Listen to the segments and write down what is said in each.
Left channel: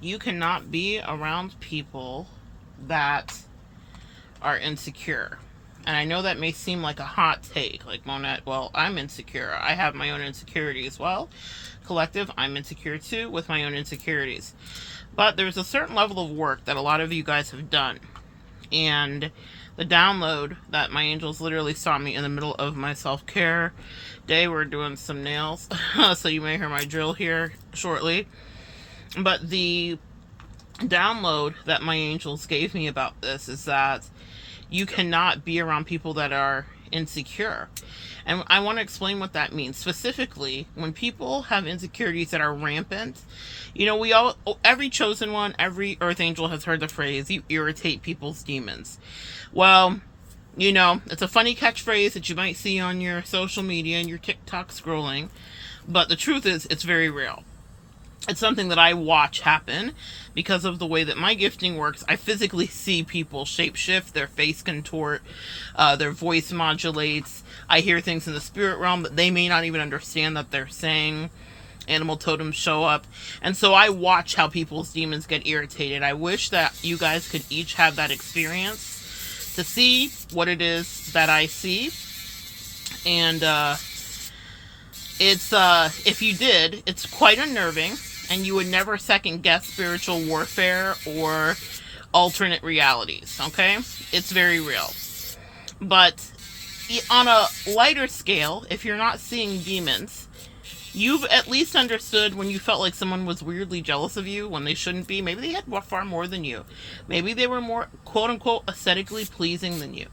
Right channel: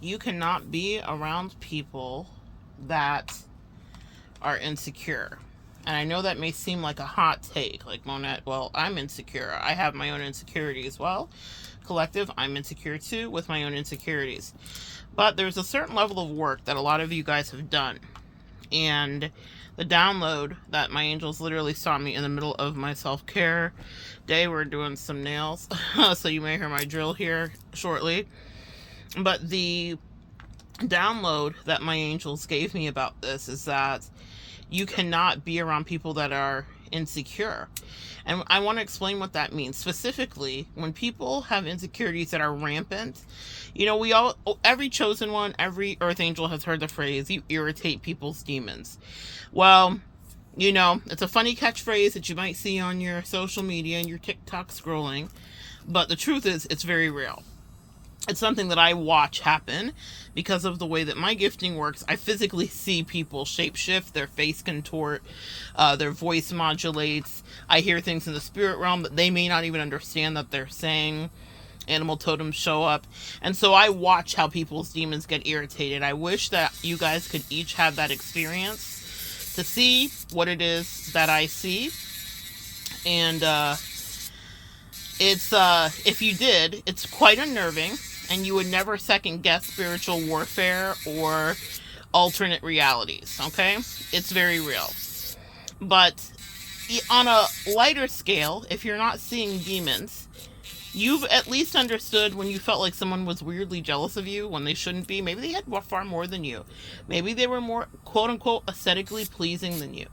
You cannot be around people that are insecure. And I know that may seem like a hot take, like Monette, well, I'm insecure. I have my own insecurities. Well, collective, I'm insecure too with my own insecurities. But there's a certain level of work that a lot of you guys have done. And the download that my angels literally saw me in the middle of my self-care day. We're doing some nails, so you may hear my drill here shortly. But the download that my angels gave me about this is that you cannot be around people that are insecure. And I want to explain what that means. Specifically, when people have insecurities that are rampant, we all, every chosen one, every earth angel has heard the phrase, you irritate people's demons. Well, it's a funny catchphrase that you might see on your social media and your TikTok scrolling, but the truth is, it's very real. It's something that I watch happen because of the way that my gifting works. I physically see people shapeshift, their face contort, their voice modulates. I hear things in the spirit realm that they may not even understand that they're saying. Animal totems show up. And so I watch how people's demons get irritated. I wish that you guys could each have that experience to see what it is that I see. And it's if you did, it's quite unnerving, and you would never second guess spiritual warfare or alternate realities, okay? It's very real. But on a lighter scale, if you're not seeing demons, you've at least understood when you felt like someone was weirdly jealous of you when they shouldn't be. Maybe they had far more than you. Maybe they were more, quote-unquote, aesthetically pleasing than you.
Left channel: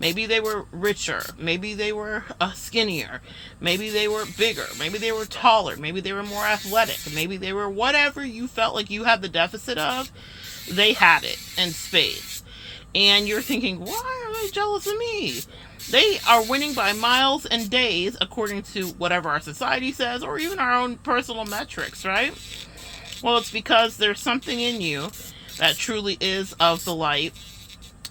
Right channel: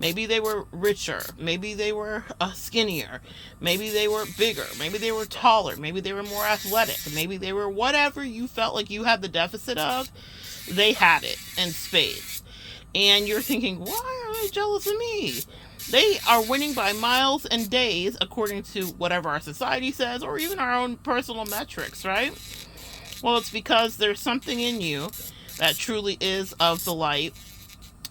Maybe they were richer. Maybe they were skinnier. Maybe they were bigger. Maybe they were taller. Maybe they were more athletic. Maybe they were whatever you felt like you had the deficit of. They had it in spades. And you're thinking, why are they jealous of me? They are winning by miles and days, according to whatever our society says, or even our own personal metrics, right? Well, it's because there's something in you that truly is of the light,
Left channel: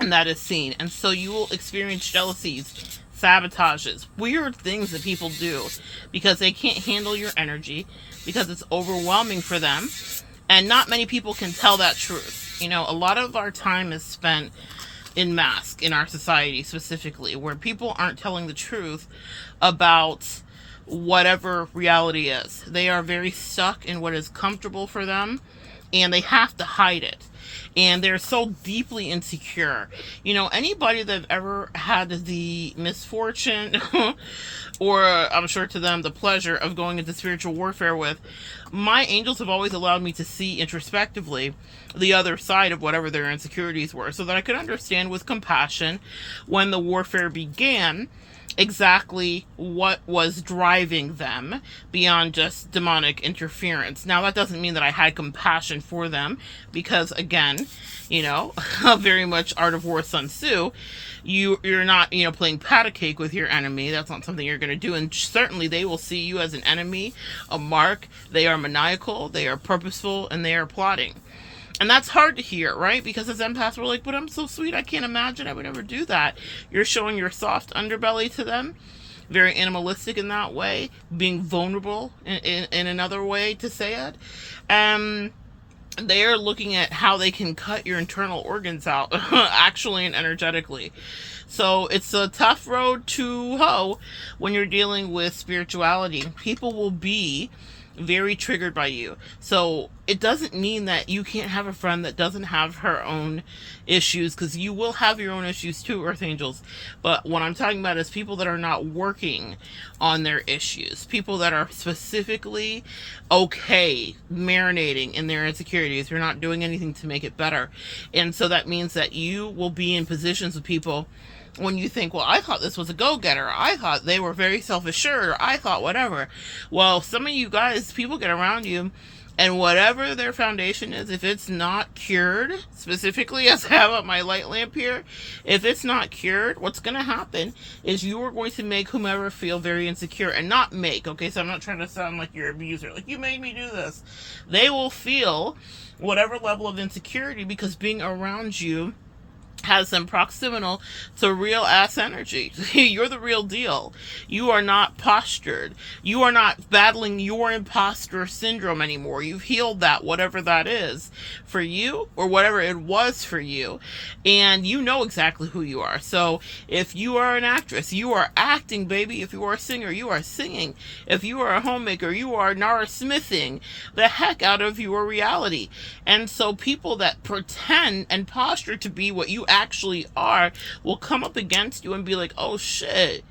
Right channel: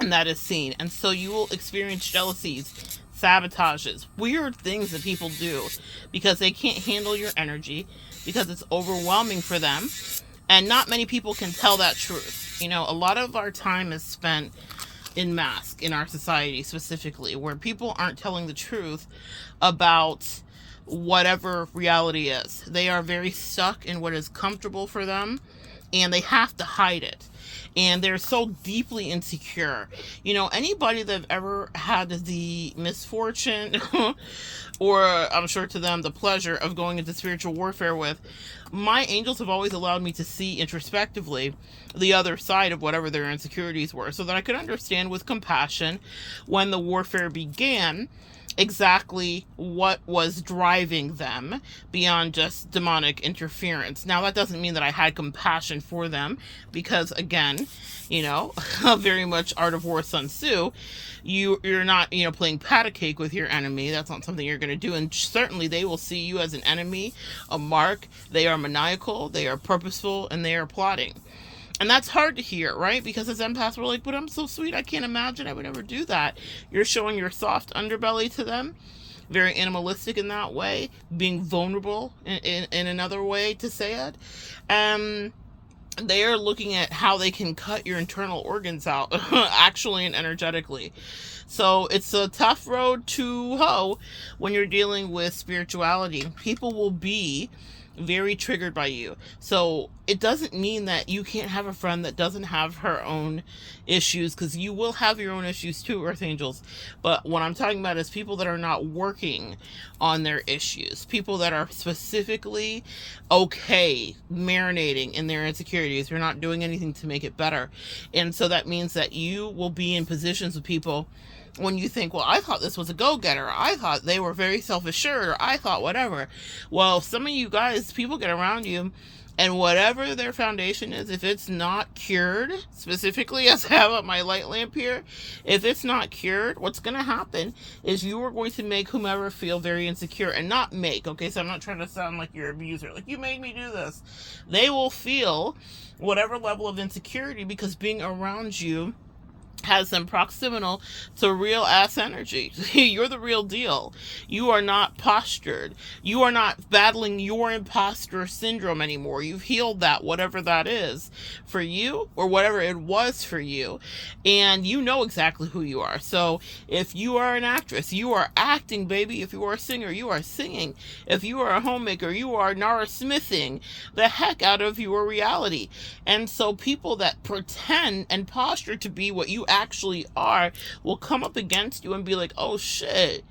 and that is seen. And so you will experience jealousies, sabotages, weird things that people do because they can't handle your energy, because it's overwhelming for them. And not many people can tell that truth. A lot of our time is spent in mask in our society, specifically, where people aren't telling the truth about whatever reality is. They are very stuck in what is comfortable for them, and they have to hide it. And they're so deeply insecure. Anybody that have ever had the misfortune or I'm sure to them the pleasure of going into spiritual warfare with, my angels have always allowed me to see introspectively the other side of whatever their insecurities were, so that I could understand with compassion when the warfare began exactly what was driving them beyond just demonic interference. Now, that doesn't mean that I had compassion for them, because again, very much Art of War Sun Tzu, you're not playing pat a cake with your enemy. That's not something you're going to do. And certainly they will see you as an enemy, a mark. They are maniacal, they are purposeful, and they are plotting. And that's hard to hear, right? Because as empaths, we're like, but I'm so sweet, I can't imagine I would ever do that. You're showing your soft underbelly to them, very animalistic in that way, being vulnerable in another way to say it. They are looking at how they can cut your internal organs out, actually and energetically. So it's a tough road to hoe when you're dealing with spirituality. People will be very triggered by you. So it doesn't mean that you can't have a friend that doesn't have her own issues, because you will have your own issues too, Earth Angels. But what I'm talking about is people that are not working on their issues, people that are specifically okay marinating in their insecurities. You're not doing anything to make it better. And so that means that you will be in positions with people when you think, well, I thought this was a go-getter, I thought they were very self-assured, or I thought whatever. Well, some of you guys, people get around you, and whatever their foundation is, if it's not cured, specifically as I have up my light lamp here, if it's not cured, what's going to happen is you are going to make whomever feel very insecure. And not make, okay, so I'm not trying to sound like your abuser, like, you made me do this. They will feel whatever level of insecurity, because being around you has them proximal to real ass energy. You're the real deal. You are not postured. You are not battling your imposter syndrome anymore. You've healed that, whatever that is for you, or whatever it was for you. And you know exactly who you are. So if you are an actress, you are acting, baby. If you are a singer, you are singing. If you are a homemaker, you are Nara Smithing the heck out of your reality. And so people that pretend and posture to be what you actually are will come up against you and be like, oh shit,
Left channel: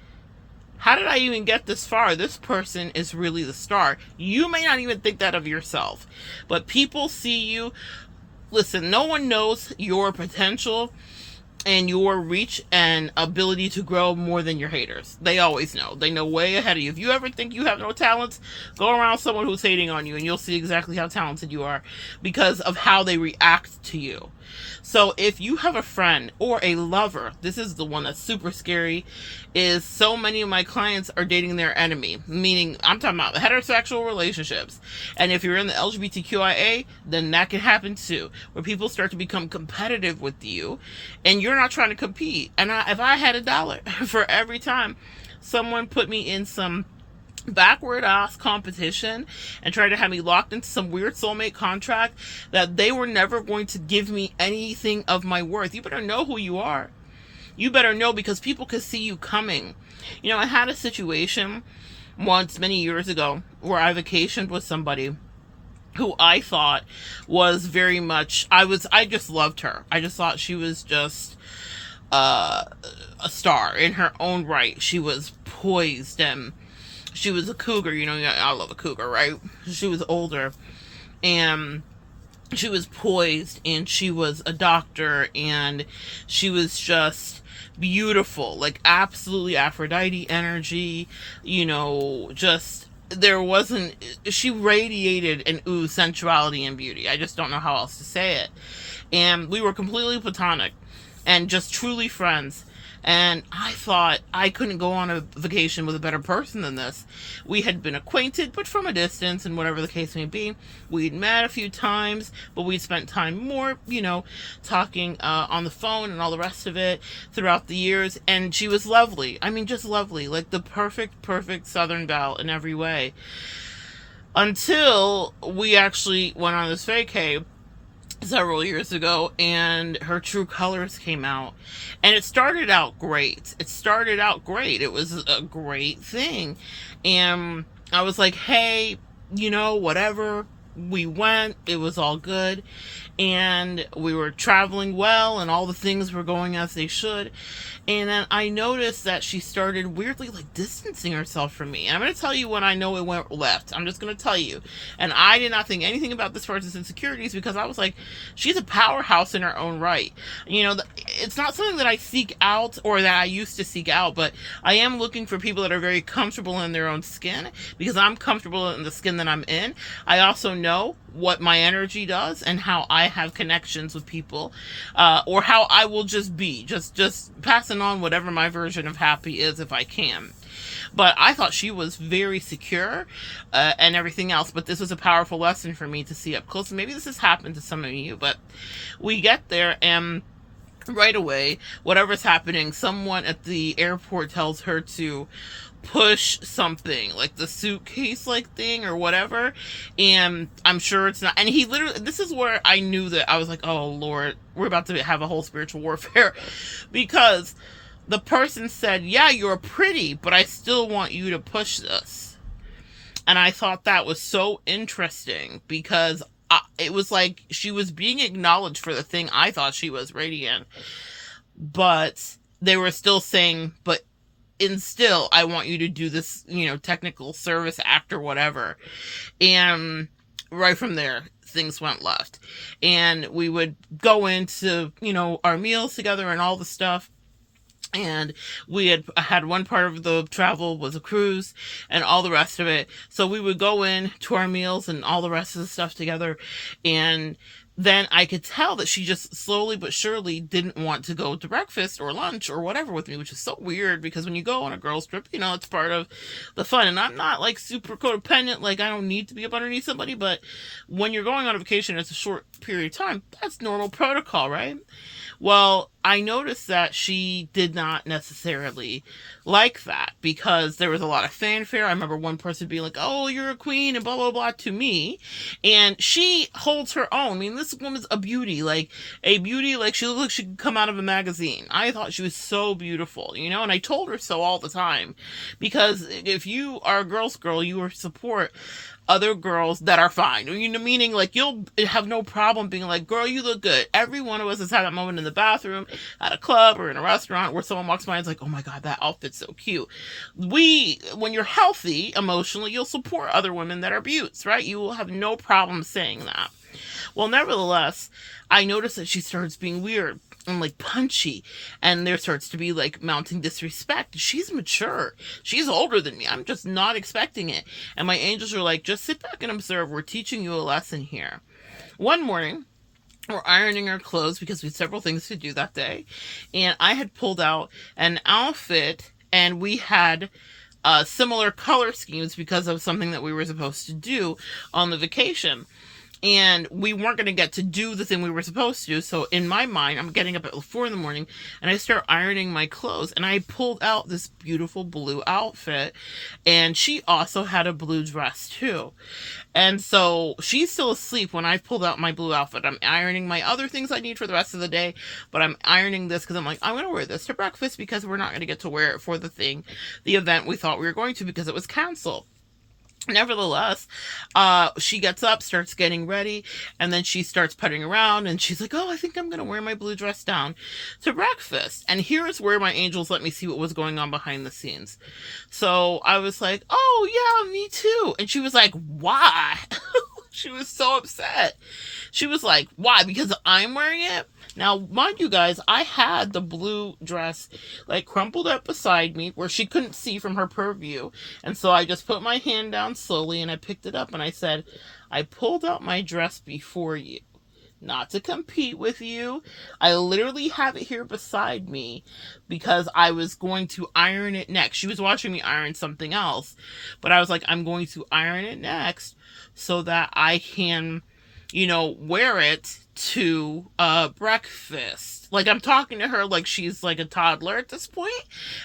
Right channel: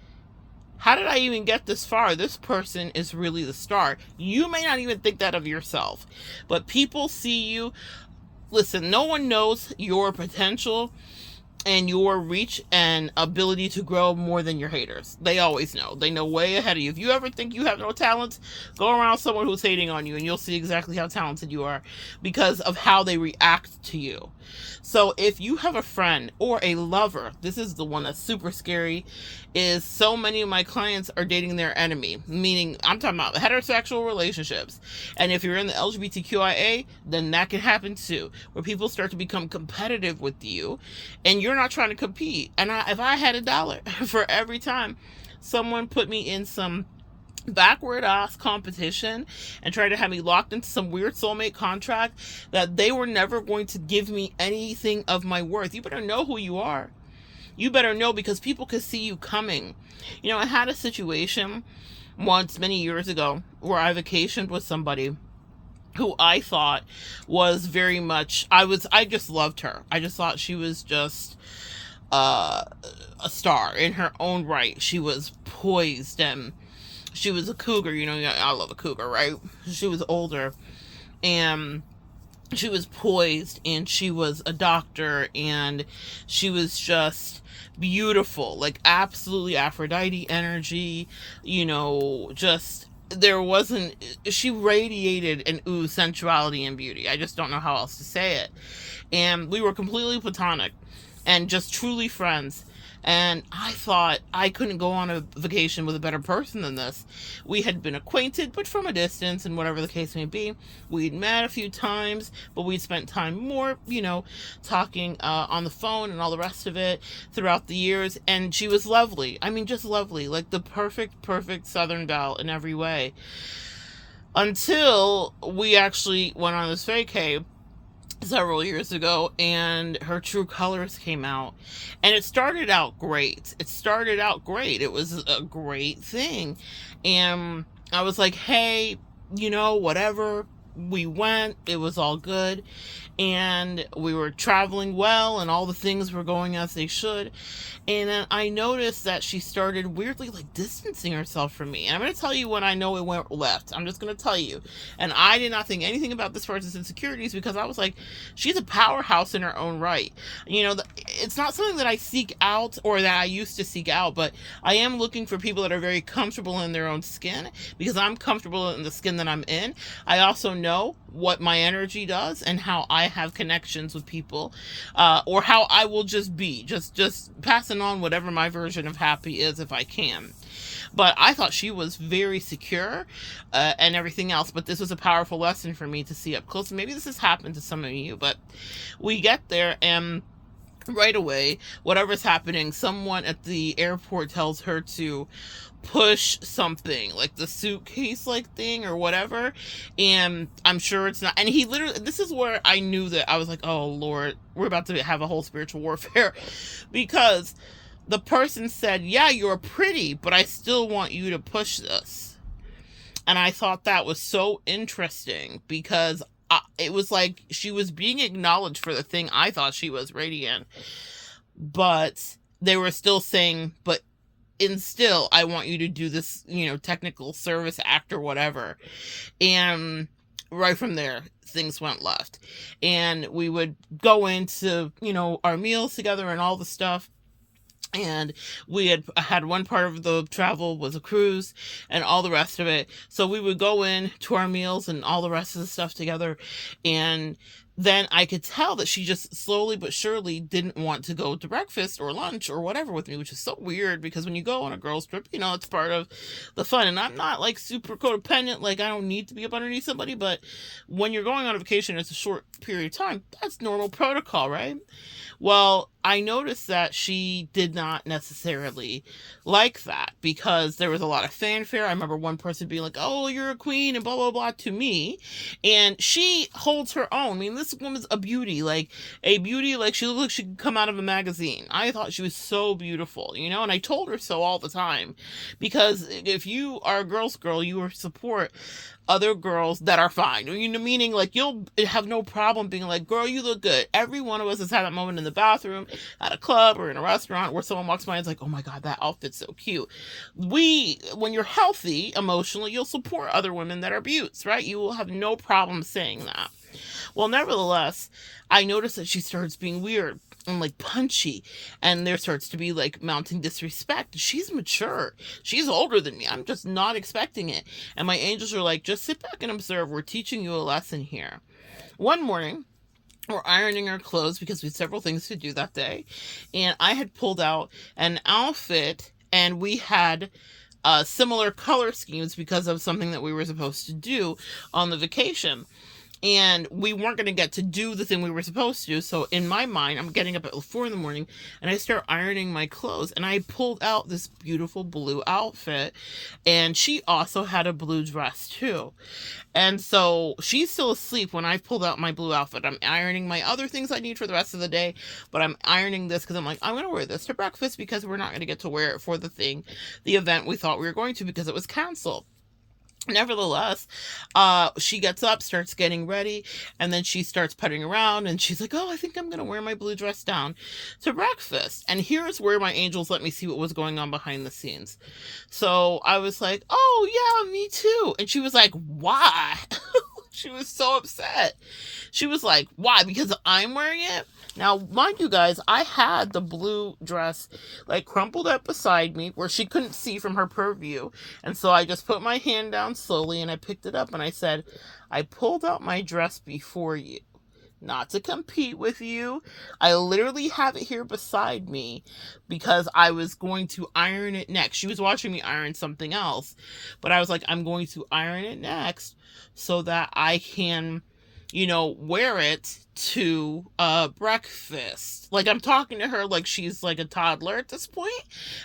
how did I even get this far? This person is really the star. You may not even think that of yourself, but people see you. Listen, no one knows your potential and your reach and ability to grow more than your haters. They always know. They know way ahead of you. If you ever think you have no talents, go around someone who's hating on you and you'll see exactly how talented you are because of how they react to you. So if you have a friend or a lover, this is the one that's super scary, is so many of my clients are dating their enemy, meaning I'm talking about heterosexual relationships. And if you're in the LGBTQIA, then that can happen too, where people start to become competitive with you and you're not trying to compete. And if I had $1 for every time someone put me in some backward ass competition and try to have me locked into some weird soulmate contract that they were never going to give me anything of my worth, you better know who you are. You better know, because people could see you coming. You know, I had a situation once many years ago where I vacationed with somebody who I thought was very much, I just loved her. I just thought she was just a star in her own right. She was poised and she was a cougar, you know, I love a cougar, right? She was older and she was poised and she was a doctor and she was just beautiful, like absolutely Aphrodite energy, you know, just she radiated an sensuality and beauty. I just don't know how else to say it. And we were completely platonic and just truly friends. And I thought I couldn't go on a vacation with a better person than this. We had been acquainted, but from a distance, and whatever the case may be. We'd met a few times, but we'd spent time more, you know, talking on the phone and all the rest of it throughout the years. And she was lovely. I mean, just lovely. Like the perfect Southern belle in every way. Until we actually went on this vacay several years ago and her true colors came out, and it started out great. It was a great thing, and I was like, hey, you know, whatever. We went, it was all good, and we were traveling well and all the things were going as they should. And then I noticed that she started weirdly like distancing herself from me. And I'm going to tell you when I know it went left. I'm just going to tell you. And I did not think anything about this person's insecurities because I was like, she's a powerhouse in her own right. You know, it's not something that I seek out or that I used to seek out, but I am looking for people that are very comfortable in their own skin because I'm comfortable in the skin that I'm in. I also know what my energy does and how I have connections with people, or how I will just be, just passing on whatever my version of happy is if I can. But I thought she was very secure and everything else, but this was a powerful lesson for me to see up close. Maybe this has happened to some of you, but we get there and right away, whatever's happening, someone at the airport tells her to push something like the suitcase like thing or whatever, and I'm sure it's not. And he literally, this is where I knew that I was like, oh Lord, we're about to have a whole spiritual warfare because the person said, yeah, you're pretty, but I still want you to push this. And I thought that was so interesting because it was like she was being acknowledged for the thing I thought she was radiant, but they were still saying, but still, I want you to do this, you know, technical service act or whatever. And right from there, things went left. And we would go into, you know, our meals together and all the stuff. And we had one part of the travel was a cruise and all the rest of it. So we would go in to our meals and all the rest of the stuff together. And then I could tell that she just slowly but surely didn't want to go to breakfast or lunch or whatever with me, which is so weird because when you go on a girls trip, it's part of the fun. And I'm not like super codependent, like I don't need to be up underneath somebody, but when you're going on a vacation, it's a short period of time. That's normal protocol, right? Well, I noticed that she did not necessarily like that because there was a lot of fanfare. I remember one person being like, "Oh, you're a queen," and blah, blah, blah to me. And she holds her own. I mean, this woman's a beauty, like she looked like she could come out of a magazine. I thought she was so beautiful, and I told her so all the time because if you are a girl's girl, you will support other girls that are fine. Meaning like you'll have no problem being like, "Girl, you look good." Every one of us has had that moment in the bathroom, at a club, or in a restaurant where someone walks by and is like, "Oh my God, that outfit's so cute." When you're healthy emotionally, you'll support other women that are beauts, right? You will have no problem saying that. Well, nevertheless, I noticed that she starts being weird and like punchy, and there starts to be like mounting disrespect. She's mature, she's older than me, I'm just not expecting it. And my angels are like, "Just sit back and observe, we're teaching you a lesson here." One morning, we're ironing our clothes because we had several things to do that day, and I had pulled out an outfit, and we had similar color schemes because of something that we were supposed to do on the vacation, and we weren't going to get to do the thing we were supposed to do. So in my mind, I'm getting up at 4 in the morning and I start ironing my clothes, and I pulled out this beautiful blue outfit, and she also had a blue dress too. And so she's still asleep when I pulled out my blue outfit. I'm ironing my other things I need for the rest of the day, but I'm ironing this because I'm like, I'm going to wear this to breakfast because we're not going to get to wear it for the event we thought we were going to because it was canceled. Nevertheless, she gets up, starts getting ready, and then she starts putting around, and she's like, "Oh, I think I'm going to wear my blue dress down to breakfast." And here's where my angels let me see what was going on behind the scenes. So I was like, "Oh, yeah, me too." And she was like, "Why?" She was so upset. She was like, "Why? Because I'm wearing it?" Now, mind you guys, I had the blue dress like crumpled up beside me where she couldn't see from her purview. And so I just put my hand down slowly and I picked it up and I said, "I pulled out my dress before you, not to compete with you. I literally have it here beside me because I was going to iron it next." She was watching me iron something else, but I was like, "I'm going to iron it next so that I can, wear it to breakfast." Like, I'm talking to her like she's like a toddler at this point.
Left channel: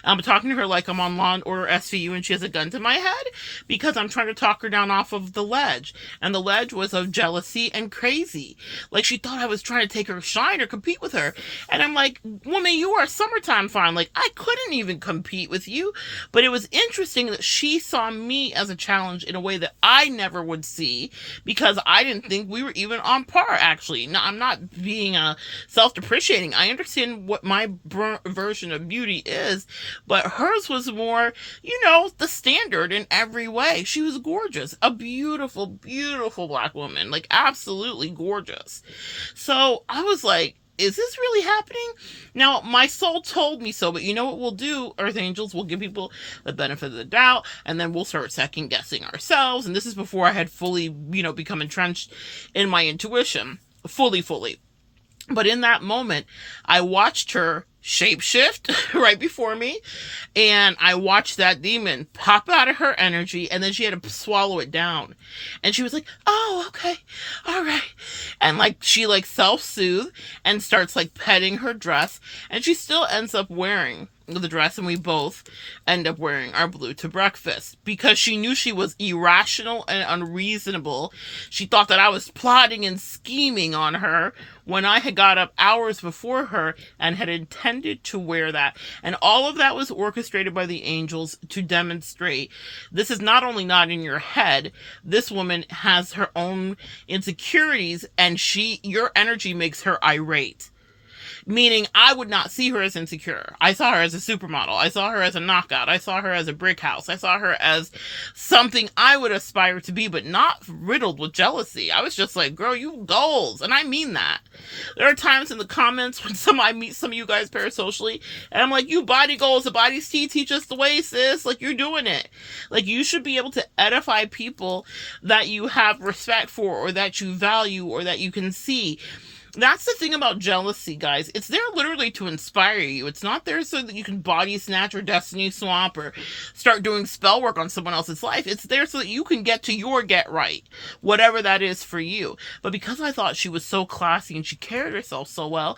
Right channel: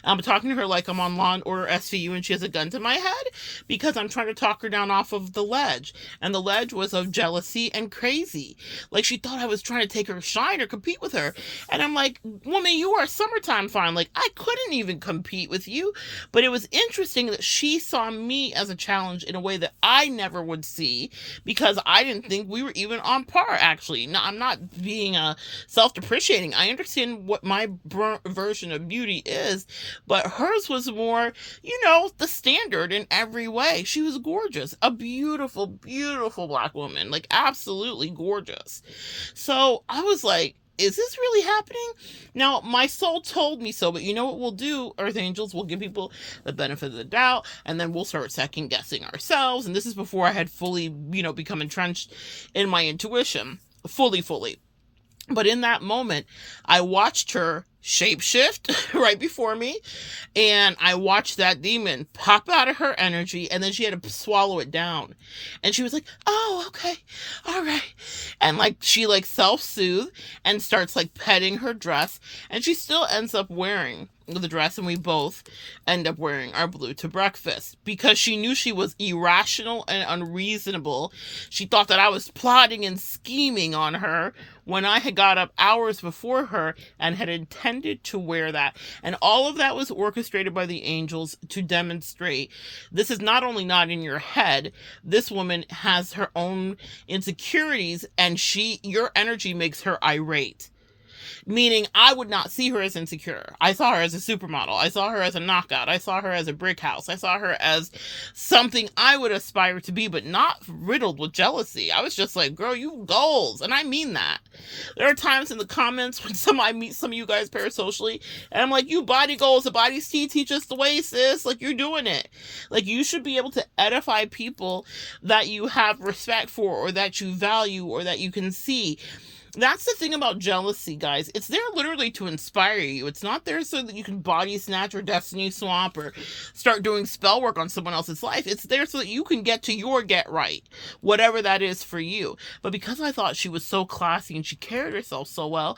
I'm talking to her like I'm on Law and Order SVU and she has a gun to my head because I'm trying to talk her down off of the ledge. And the ledge was of jealousy and crazy. Like, she thought I was trying to take her shine or compete with her. And I'm like, "Woman, you are summertime fine. Like, I couldn't even compete with you." But it was interesting that she saw me as a challenge in a way that I never would see because I didn't think we were even on par, actually. Now, I'm not being self-depreciating. I understand what my version of beauty is, but hers was more, the standard in every way. She was gorgeous. A beautiful, beautiful Black woman. Like, absolutely gorgeous. So I was like, is this really happening? Now, my soul told me so, but you know what we'll do, Earth Angels? We'll give people the benefit of the doubt, and then we'll start second guessing ourselves. And this is before I had fully, become entrenched in my intuition. Fully. But in that moment, I watched her shapeshift right before me, and I watched that demon pop out of her energy, and then she had to swallow it down. And she was like, "Oh, okay, all right." And like she like self-soothed and starts like petting her dress, and she still ends up wearing the dress, and we both end up wearing our blue to breakfast because she knew she was irrational and unreasonable. She thought that I was plotting and scheming on her when I had got up hours before her and had intended to wear that. And all of that was orchestrated by the angels to demonstrate this is not only not in your head, this woman has her own insecurities, and your energy makes her irate. Meaning I would not see her as insecure. I saw her as a supermodel. I saw her as a knockout. I saw her as a brick house. I saw her as something I would aspire to be, but not riddled with jealousy. I was just like, girl, you goals. And I mean that. There are times in the comments when I meet some of you guys parasocially, and I'm like, you body goals, the body's teach us the way, sis. Like, you're doing it. Like, you should be able to edify people that you have respect for, or that you value, or that you can see. That's the thing about jealousy, guys. It's there literally to inspire you. It's not there so that you can body snatch or destiny swamp or start doing spell work on someone else's life. It's there so that you can get to your get right, whatever that is for you. But because I thought she was so classy and she carried herself so well,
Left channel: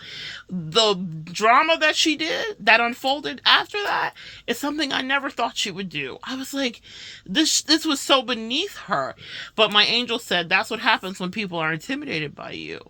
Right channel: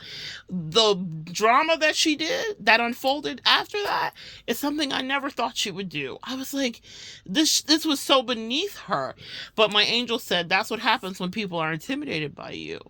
the drama that she did, that unfolded after that, is something I never thought she would do. I was like, this was so beneath her. But my angel said, that's what happens when people are intimidated by you.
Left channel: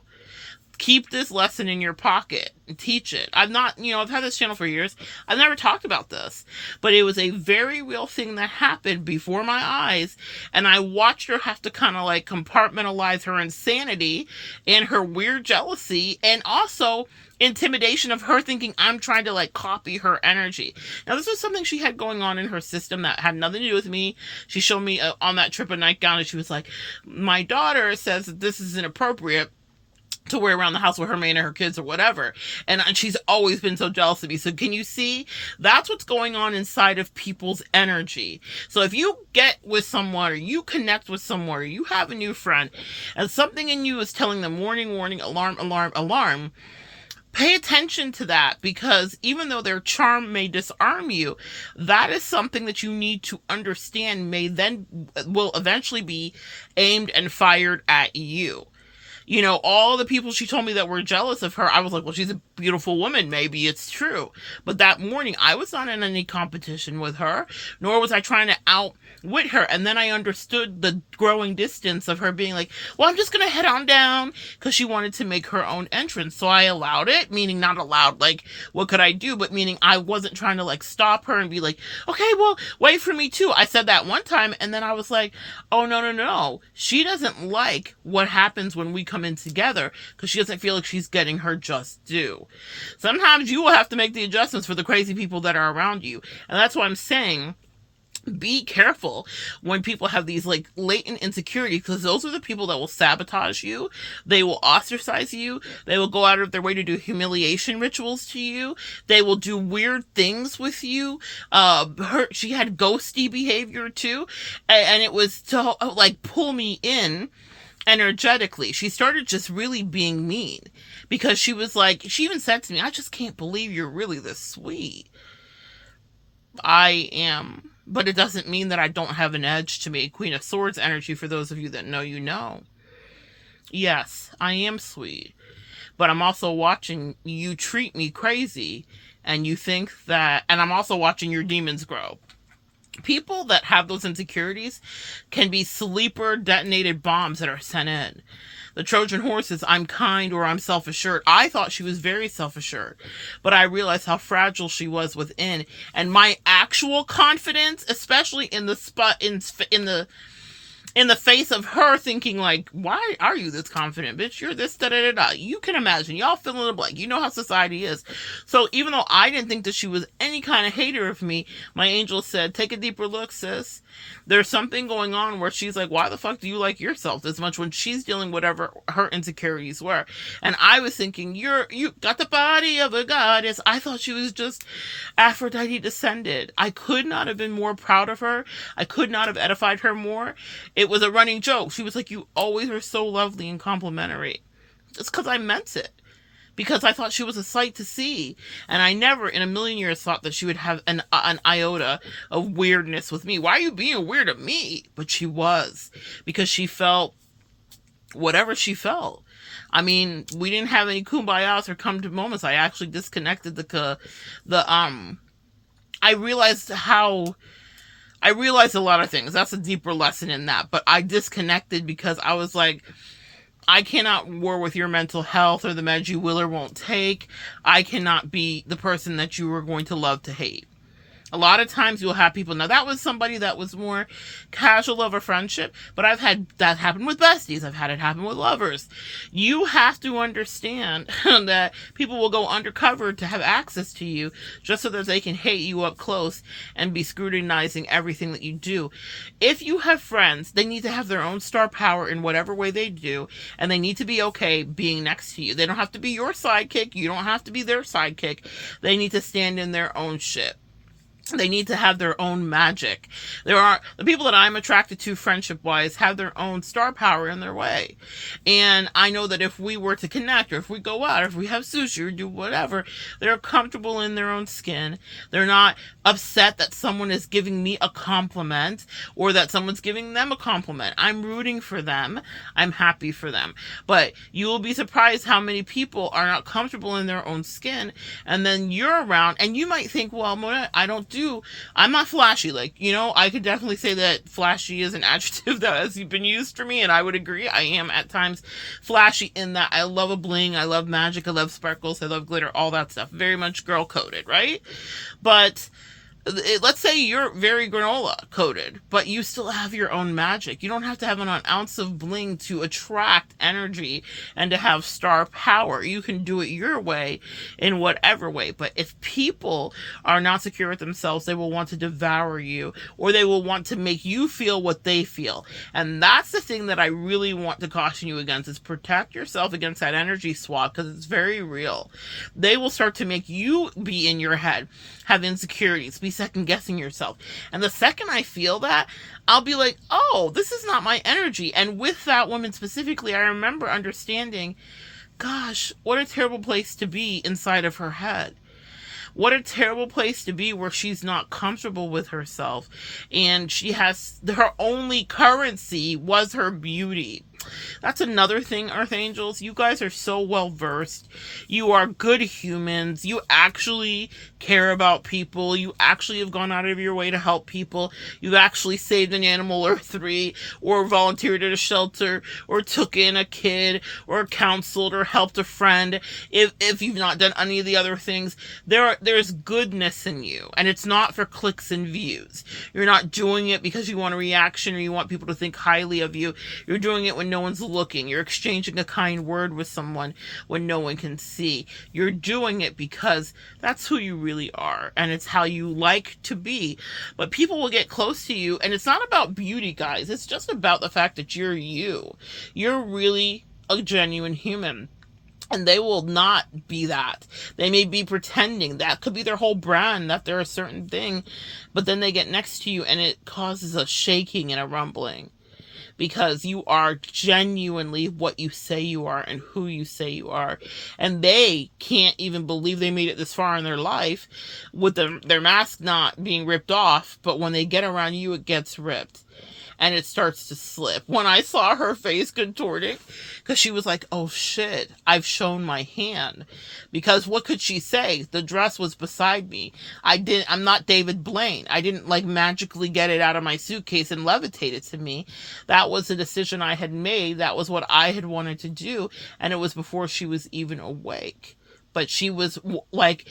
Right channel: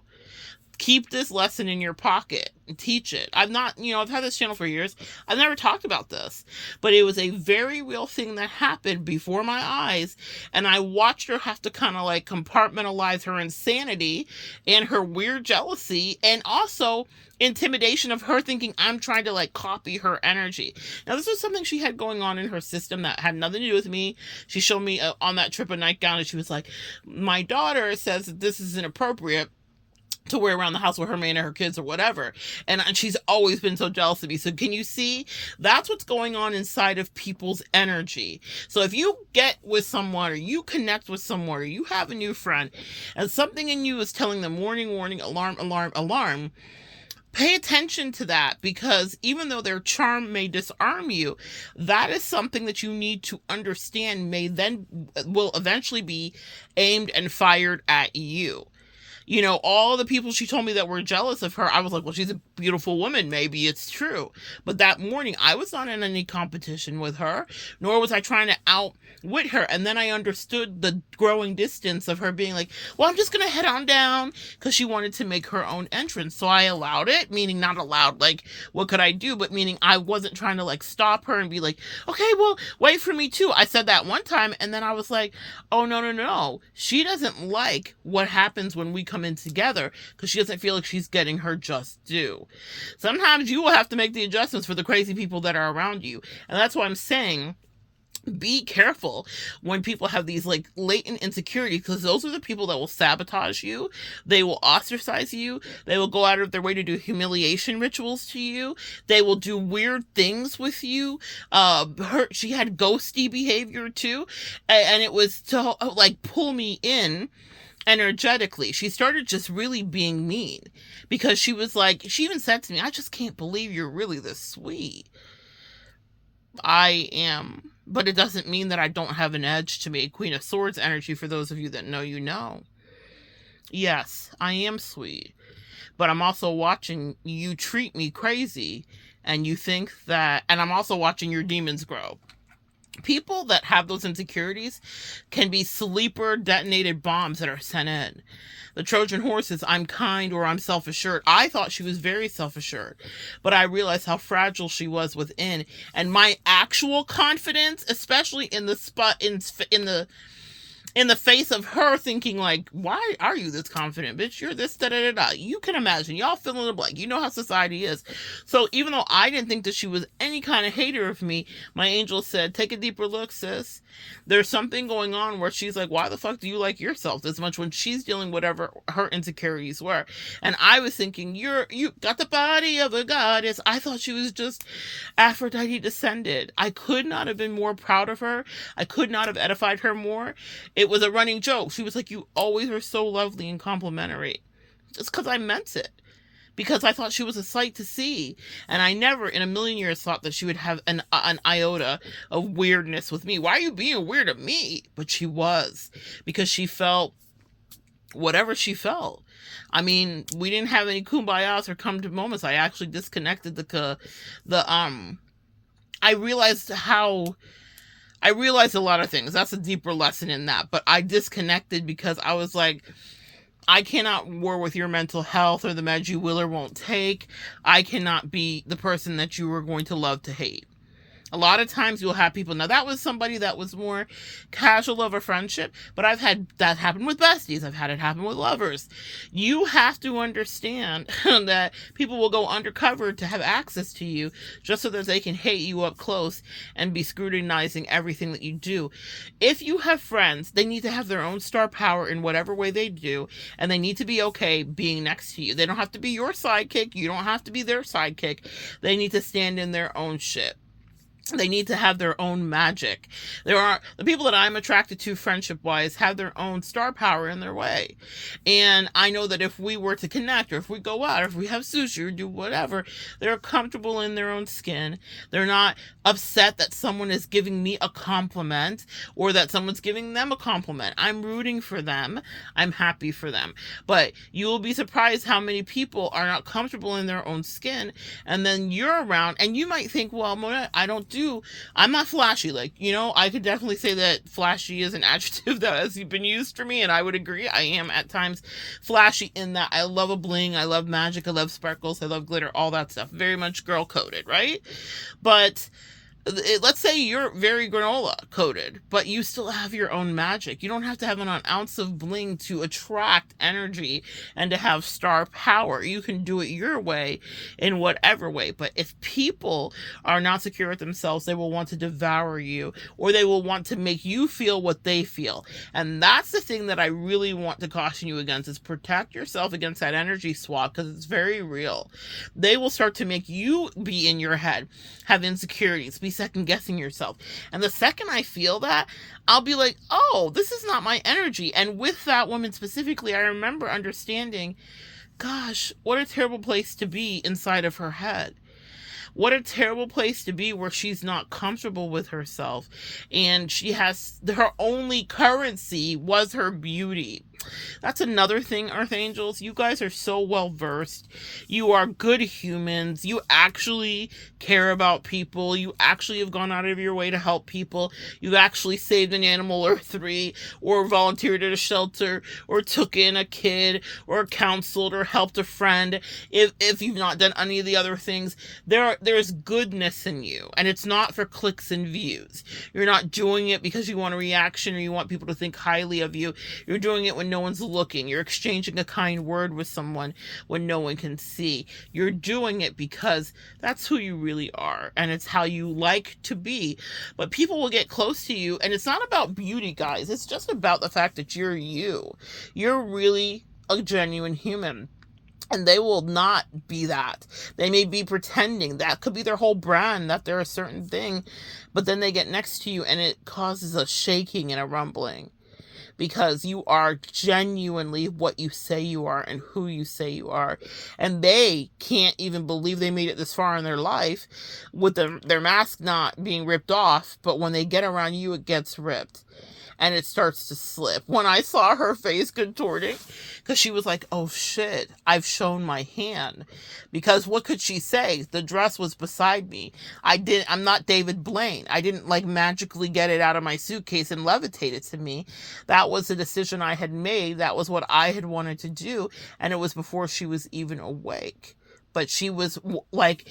Keep this lesson in your pocket and teach it. I've had this channel for years. I've never talked about this, but it was a very real thing that happened before my eyes. And I watched her have to kind of like compartmentalize her insanity and her weird jealousy, and also intimidation of her thinking I'm trying to like copy her energy. Now, this was something she had going on in her system that had nothing to do with me. She showed me on that trip a nightgown, and she was like, my daughter says that this is inappropriate to wear around the house with her man and her kids or whatever. And she's always been so jealous of me. So can you see? That's what's going on inside of people's energy. So if you get with someone, or you connect with someone, or you have a new friend, and something in you is telling them warning, warning, alarm, alarm, alarm, pay attention to that, because even though their charm may disarm you, that is something that you need to understand will eventually be aimed and fired at you. You know, all the people she told me that were jealous of her, I was like, well, she's a beautiful woman. Maybe it's true. But that morning, I was not in any competition with her, nor was I trying to outwit her. And then I understood the growing distance of her being like, well, I'm just going to head on down, because she wanted to make her own entrance. So I allowed it, meaning not allowed, like, what could I do? But meaning I wasn't trying to like stop her and be like, okay, well, wait for me too. I said that one time, and then I was like, oh, no. She doesn't like what happens when we come in together, because she doesn't feel like she's getting her just due. Sometimes you will have to make the adjustments for the crazy people that are around you. And that's why I'm saying, be careful when people have these like latent insecurities, because those are the people that will sabotage you. They will ostracize you. They will go out of their way to do humiliation rituals to you. They will do weird things with you. She had ghosty behavior too, and it was to like pull me in energetically. She started just really being mean, because she was like, she even said to me, I just can't believe you're really this sweet. I am, but it doesn't mean that I don't have an edge to me. Queen of Swords energy, for those of you that know, you know. Yes, I am sweet, but I'm also watching you treat me crazy, and you think that, and I'm also watching your demons grow. People that have those insecurities can be sleeper detonated bombs that are sent in. The Trojan horse is, I'm kind, or I'm self-assured. I thought she was very self-assured, but I realized how fragile she was within. And my actual confidence, especially in the face of her thinking like, why are you this confident, bitch? You're this, da-da-da-da. You can imagine. Y'all fill in the blank. You know how society is. So even though I didn't think that she was any kind of hater of me, my angel said, take a deeper look, sis. There's something going on where she's like, why the fuck do you like yourself this much, when she's dealing whatever her insecurities were? And I was thinking, you got the body of a goddess. I thought she was just Aphrodite descended. I could not have been more proud of her. I could not have edified her more. It was a running joke. She was like, you always are so lovely and complimentary. It's because I meant it. Because I thought she was a sight to see. And I never in a million years thought that she would have an iota of weirdness with me. Why are you being weird at me? But she was. Because she felt whatever she felt. I mean, we didn't have any kumbayas or come to moments. I actually disconnected I realized a lot of things. That's a deeper lesson in that. But I disconnected because I was like, I cannot war with your mental health or the meds you will or won't take. I cannot be the person that you are going to love to hate. A lot of times you'll have people, now that was somebody that was more casual of a friendship, but I've had that happen with besties. I've had it happen with lovers. You have to understand that people will go undercover to have access to you just so that they can hate you up close and be scrutinizing everything that you do. If you have friends, they need to have their own star power in whatever way they do, and they need to be okay being next to you. They don't have to be your sidekick. You don't have to be their sidekick. They need to stand in their own shit. They need to have their own magic. The people that I'm attracted to friendship wise have their own star power in their way. And I know that if we were to connect, or if we go out, or if we have sushi or do whatever, they're comfortable in their own skin. They're not upset that someone is giving me a compliment or that someone's giving them a compliment. I'm rooting for them. I'm happy for them. But you will be surprised how many people are not comfortable in their own skin, and then you're around and you might think, well, Monette, I'm not flashy. Like, I could definitely say that flashy is an adjective that has been used for me, and I would agree. I am at times flashy in that I love a bling, I love magic, I love sparkles, I love glitter, all that stuff. Very much girl coded, right? But let's say you're very granola coded, but you still have your own magic. You don't have to have an ounce of bling to attract energy and to have star power. You can do it your way in whatever way. But if people are not secure with themselves, they will want to devour you, or they will want to make you feel what they feel. And that's the thing that I really want to caution you against, is protect yourself against that energy swap, because it's very real. They will start to make you be in your head, have insecurities, be second guessing yourself. And the second I feel that, I'll be like, oh, this is not my energy. And with that woman specifically, I remember understanding, gosh, what a terrible place to be inside of her head. What a terrible place to be where she's not comfortable with herself, and she has, her only currency was her beauty. That's another thing, Earth Angels. You guys are so well versed. You are good humans. You actually care about people. You actually have gone out of your way to help people. You've actually saved an animal or three, or volunteered at a shelter, or took in a kid, or counseled, or helped a friend. If you've not done any of the other things, there's goodness in you, and it's not for clicks and views. You're not doing it because you want a reaction or you want people to think highly of you. You're doing it when no one's looking. You're exchanging a kind word with someone when no one can see. You're doing it because that's who you really are, and it's how you like to be. But people will get close to you, and it's not about beauty, guys. It's just about the fact that you're you. You're really a genuine human. And they will not be that. They may be pretending. That could be their whole brand, that they're a certain thing. But then they get next to you and it causes a shaking and a rumbling. Because you are genuinely what you say you are and who you say you are. And they can't even believe they made it this far in their life with their mask not being ripped off. But when they get around you, it gets ripped. And it starts to slip. When I saw her face contorting, because she was like, oh shit, I've shown my hand. Because what could she say? The dress was beside me. I'm not David Blaine. I didn't magically get it out of my suitcase and levitate it to me. That was a decision I had made. That was what I had wanted to do. And it was before she was even awake. But she was like,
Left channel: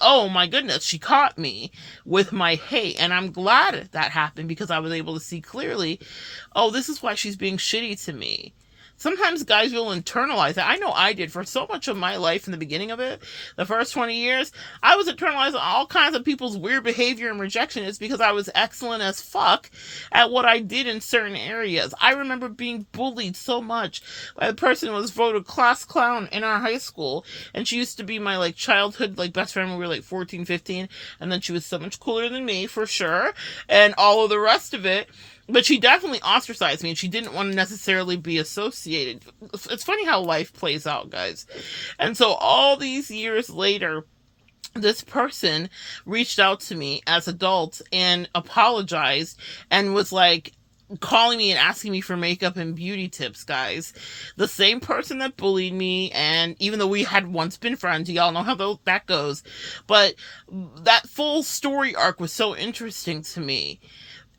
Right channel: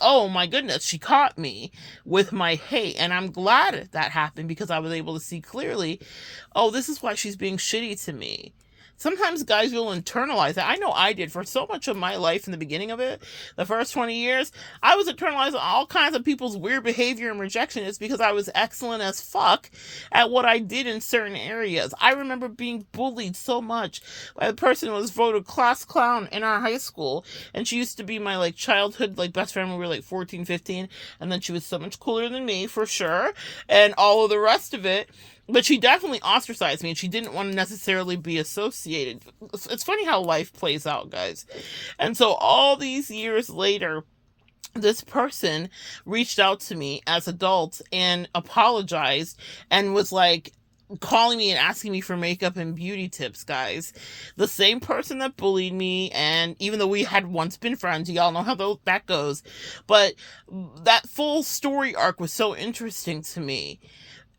oh my goodness, she caught me with my hate. And I'm glad that happened, because I was able to see clearly, oh, this is why she's being shitty to me. Sometimes guys will internalize that. I know I did for so much of my life in the beginning of it. The first 20 years, I was internalizing all kinds of people's weird behavior and rejection. It's because I was excellent as fuck at what I did in certain areas. I remember being bullied so much by the person who was voted class clown in our high school. And she used to be my childhood best friend when we were 14, 15. And then she was so much cooler than me, for sure. And all of the rest of it. But she definitely ostracized me, and she didn't want to necessarily be associated. It's funny how life plays out, guys. And so all these years later, this person reached out to me as adults and apologized and was calling me and asking me for makeup and beauty tips, guys. The same person that bullied me, and even though we had once been friends, y'all know how that goes. But that full story arc was so interesting to me.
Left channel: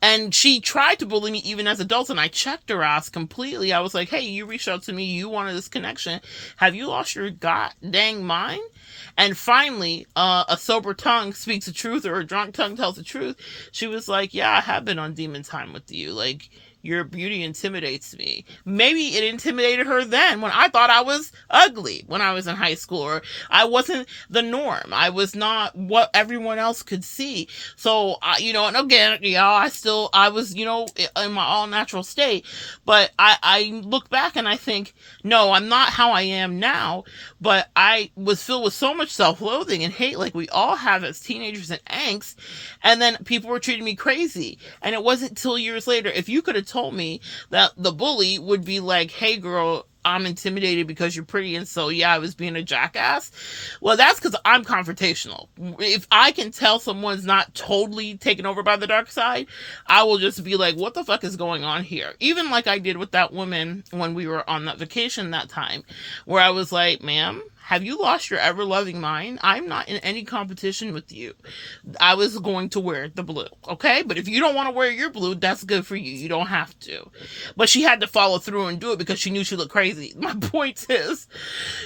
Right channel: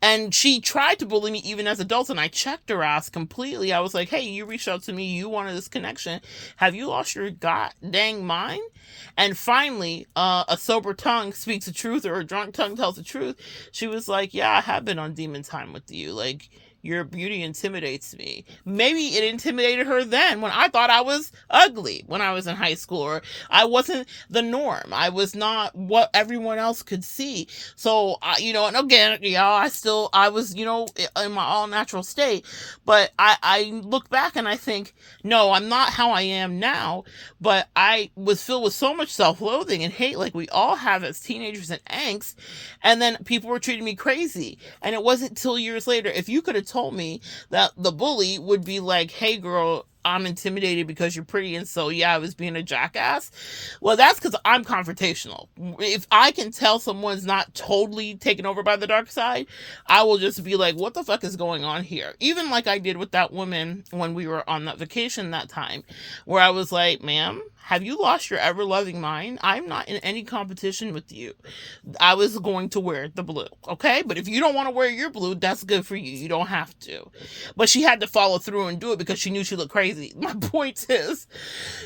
And she tried to bully me even as adults, and I checked her ass completely. I was like, hey, you reached out to me, you wanted this connection. Have you lost your god dang mind? And finally, a sober tongue speaks the truth, or a drunk tongue tells the truth. She was like, yeah, I have been on demon time with you. Like, your beauty intimidates me. Maybe it intimidated her then when I thought I was ugly when I was in high school, or I wasn't the norm. I was not what everyone else could see. So, and again, I was, in my all natural state. But I look back and I think, no, I'm not how I am now. But I was filled with so much self-loathing and hate, like we all have as teenagers, and angst. And then people were treating me crazy. And it wasn't till years later. If you could have told me that the bully would be like, hey girl, I'm intimidated because you're pretty, and so yeah, I was being a jackass. Well, that's because I'm confrontational. If I can tell someone's not totally taken over by the dark side, I will just be like, what the fuck is going on here? Even like I did with that woman when we were on that vacation that time, where I was like, ma'am, have you lost your ever-loving mind? I'm not in any competition with you. I was going to wear the blue, okay? But if you don't want to wear your blue, that's good for you. You don't have to. But she had to follow through and do it because she knew she looked crazy. My point is,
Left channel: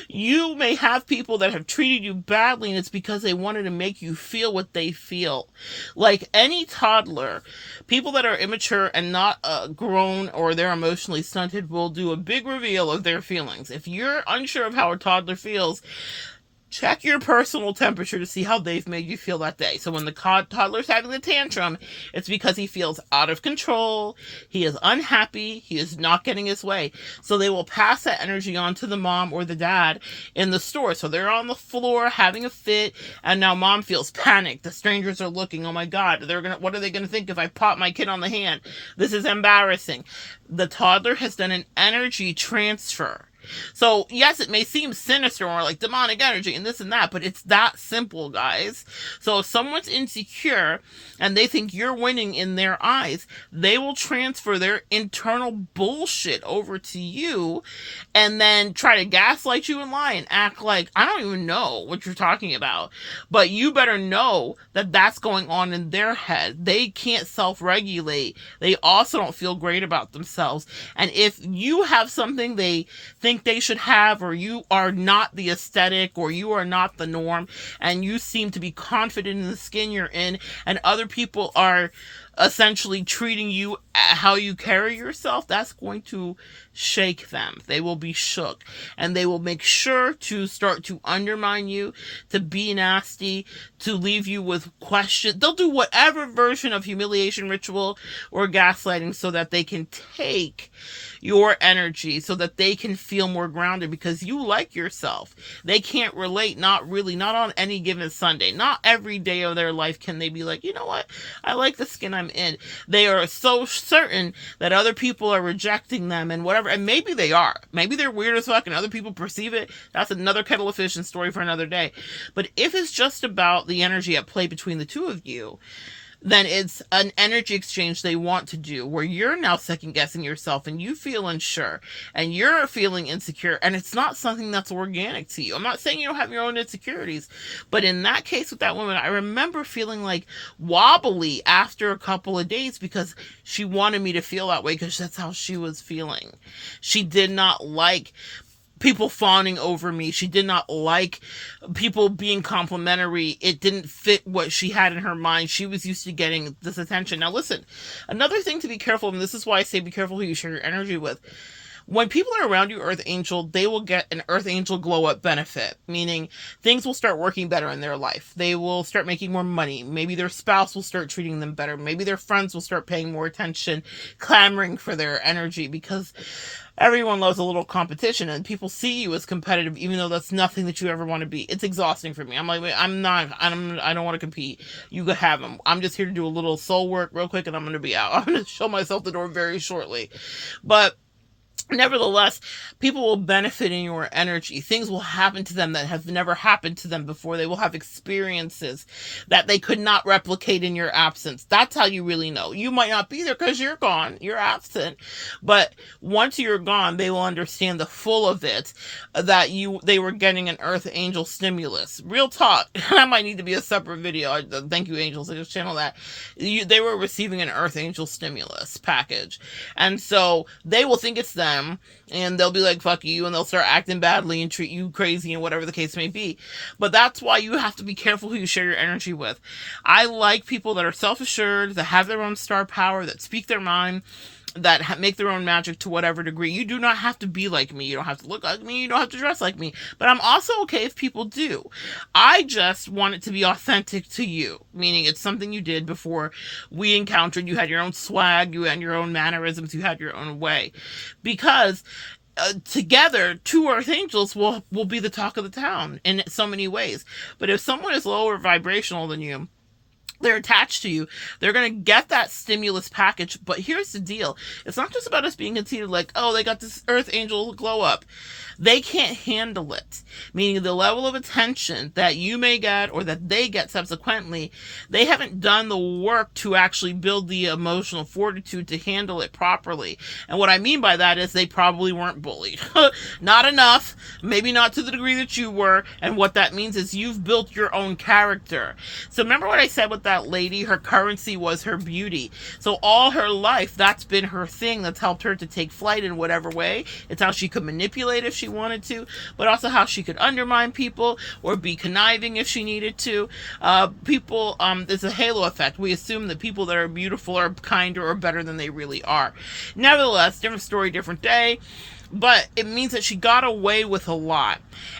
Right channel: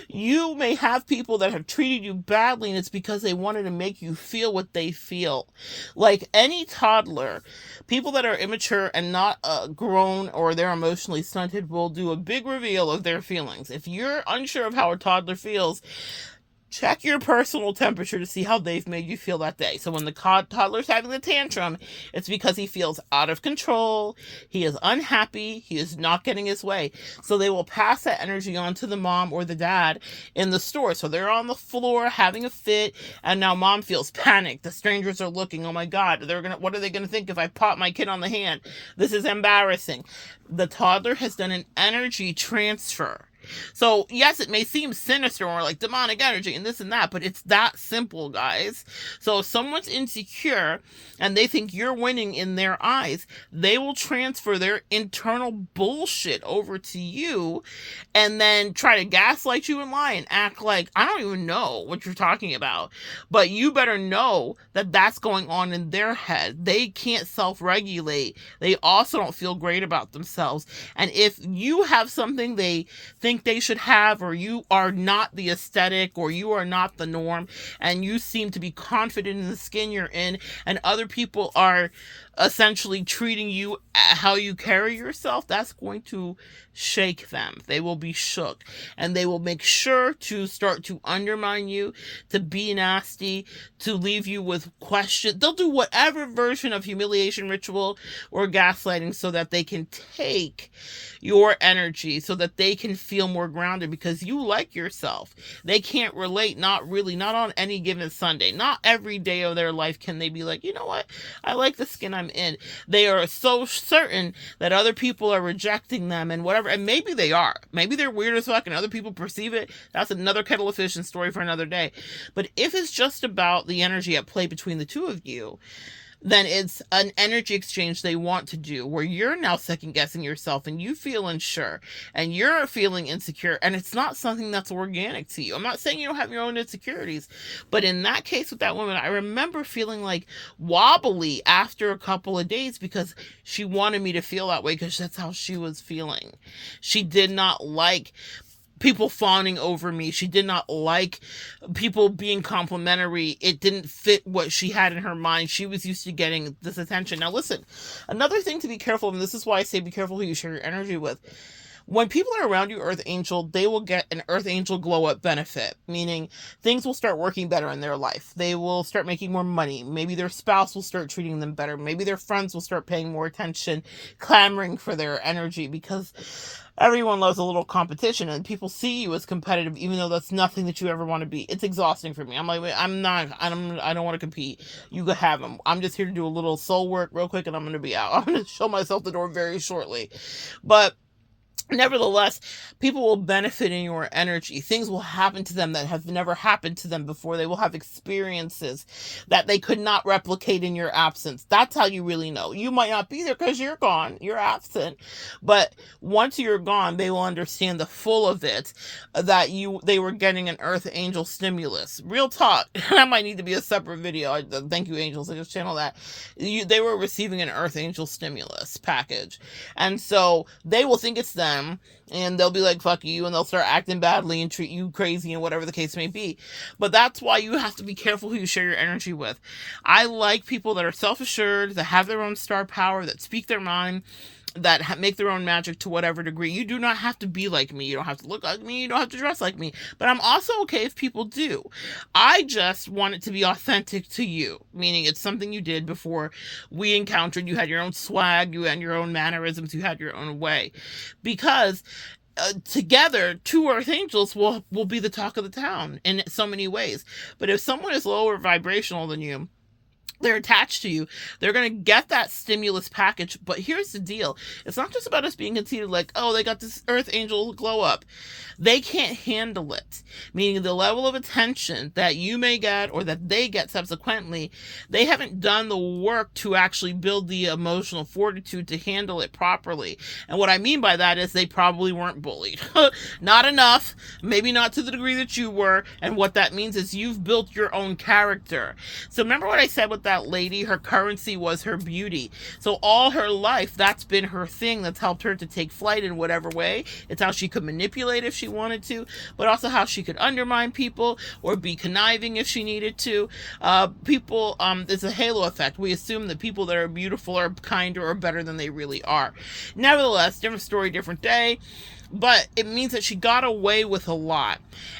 you may have people that have treated you badly, and it's because they wanted to make you feel what they feel. Like any toddler, people that are immature and not grown, or they're emotionally stunted, will do a big reveal of their feelings. If you're unsure of how a toddler feels, check your personal temperature to see how they've made you feel that day. So when the toddler's having the tantrum, it's because he feels out of control, he is unhappy, he is not getting his way. So they will pass that energy on to the mom or the dad in the store. So they're on the floor having a fit, and now mom feels panicked. The strangers are looking, oh my God, what are they gonna think if I pop my kid on the hand? This is embarrassing. The toddler has done an energy transfer. So yes, it may seem sinister or like demonic energy and this and that, but it's that simple, guys. So if someone's insecure and they think you're winning in their eyes, they will transfer their internal bullshit over to you and then try to gaslight you and lie and act like, I don't even know what you're talking about. But you better know that that's going on in their head. They can't self-regulate. They also don't feel great about themselves. And if you have something they think they should have, or you are not the aesthetic, or you are not the norm, and you seem to be confident in the skin you're in, and other people are essentially treating you how you carry yourself, that's going to shake them. They will be shook, and they will make sure to start to undermine you, to be nasty, to leave you with questions. They'll do whatever version of humiliation ritual or gaslighting so that they can take your energy, so that they can feel more grounded because you like yourself. They can't relate, not on any given Sunday. Not every day of their life can they be like, you know what, I like the skin I'm in. They are so certain that other people are rejecting them and whatever, and maybe they are. Maybe they're weird as fuck and other people perceive it. That's another kettle of fish and story for another day. But if it's just about the energy at play between the two of you, then it's an energy exchange they want to do where you're now second guessing yourself and you feel unsure and you're feeling insecure, and it's not something that's organic to you. I'm not saying you don't have your own insecurities, but in that case with that woman, I remember feeling like wobbly after a couple of days because she wanted me to feel that way because that's how she was feeling. She did not like people fawning over me. She did not like people being complimentary. It didn't fit what she had in her mind. She was used to getting this attention. Now listen, another thing to be careful of, and this is why I say be careful who you share your energy with. When people are around you, Earth Angel, they will get an Earth Angel glow up benefit, meaning things will start working better in their life. They will start making more money. Maybe their spouse will start treating them better. Maybe their friends will start paying more attention, clamoring for their energy, because everyone loves a little competition, and people see you as competitive, even though that's nothing that you ever want to be. It's exhausting for me. I'm like, I don't want to compete. You could have them. I'm just here to do a little soul work real quick, and I'm going to be out. I'm going to show myself the door very shortly. But Nevertheless, people will benefit in your energy. Things will happen to them that have never happened to them before. They will have experiences that they could not replicate in your absence. That's how you really know. You might not be there because you're gone, you're absent. But once you're gone, they will understand the full of it, that they were getting an earth angel stimulus. Real talk. That might need to be a separate video. Thank you, angels. I just channel that. They were receiving an earth angel stimulus package. And so they will think it's them, and they'll be like, fuck you, and they'll start acting badly and treat you crazy and whatever the case may be. But that's why you have to be careful who you share your energy with. I like people that are self-assured, that have their own star power, that speak their mind, that make their own magic to whatever degree. You do not have to be like me. You don't have to look like me. You don't have to dress like me. But I'm also okay if people do. I just want it to be authentic to you, meaning it's something you did before we encountered. You had your own swag. You had your own mannerisms. You had your own way. Because together, two earth angels will be the talk of the town in so many ways. But if someone is lower vibrational than you, they're attached to you, they're going to get that stimulus package. But here's the deal. It's not just about us being conceited like, oh, they got this earth angel glow up. They can't handle it. Meaning the level of attention that you may get or that they get subsequently, they haven't done the work to actually build the emotional fortitude to handle it properly. And what I mean by that is they probably weren't bullied. Not enough. Maybe not to the degree that you were. And what that means is you've built your own character. So remember what I said with that lady? Her currency was her beauty. So all her life, that's been her thing that's helped her to take flight in whatever way. It's how she could manipulate if she wanted to, but also how she could undermine people or be conniving if she needed to. There's a halo effect. We assume that people that are beautiful are kinder or better than they really are. Nevertheless, different story, different day. But it means that she got away with a lot.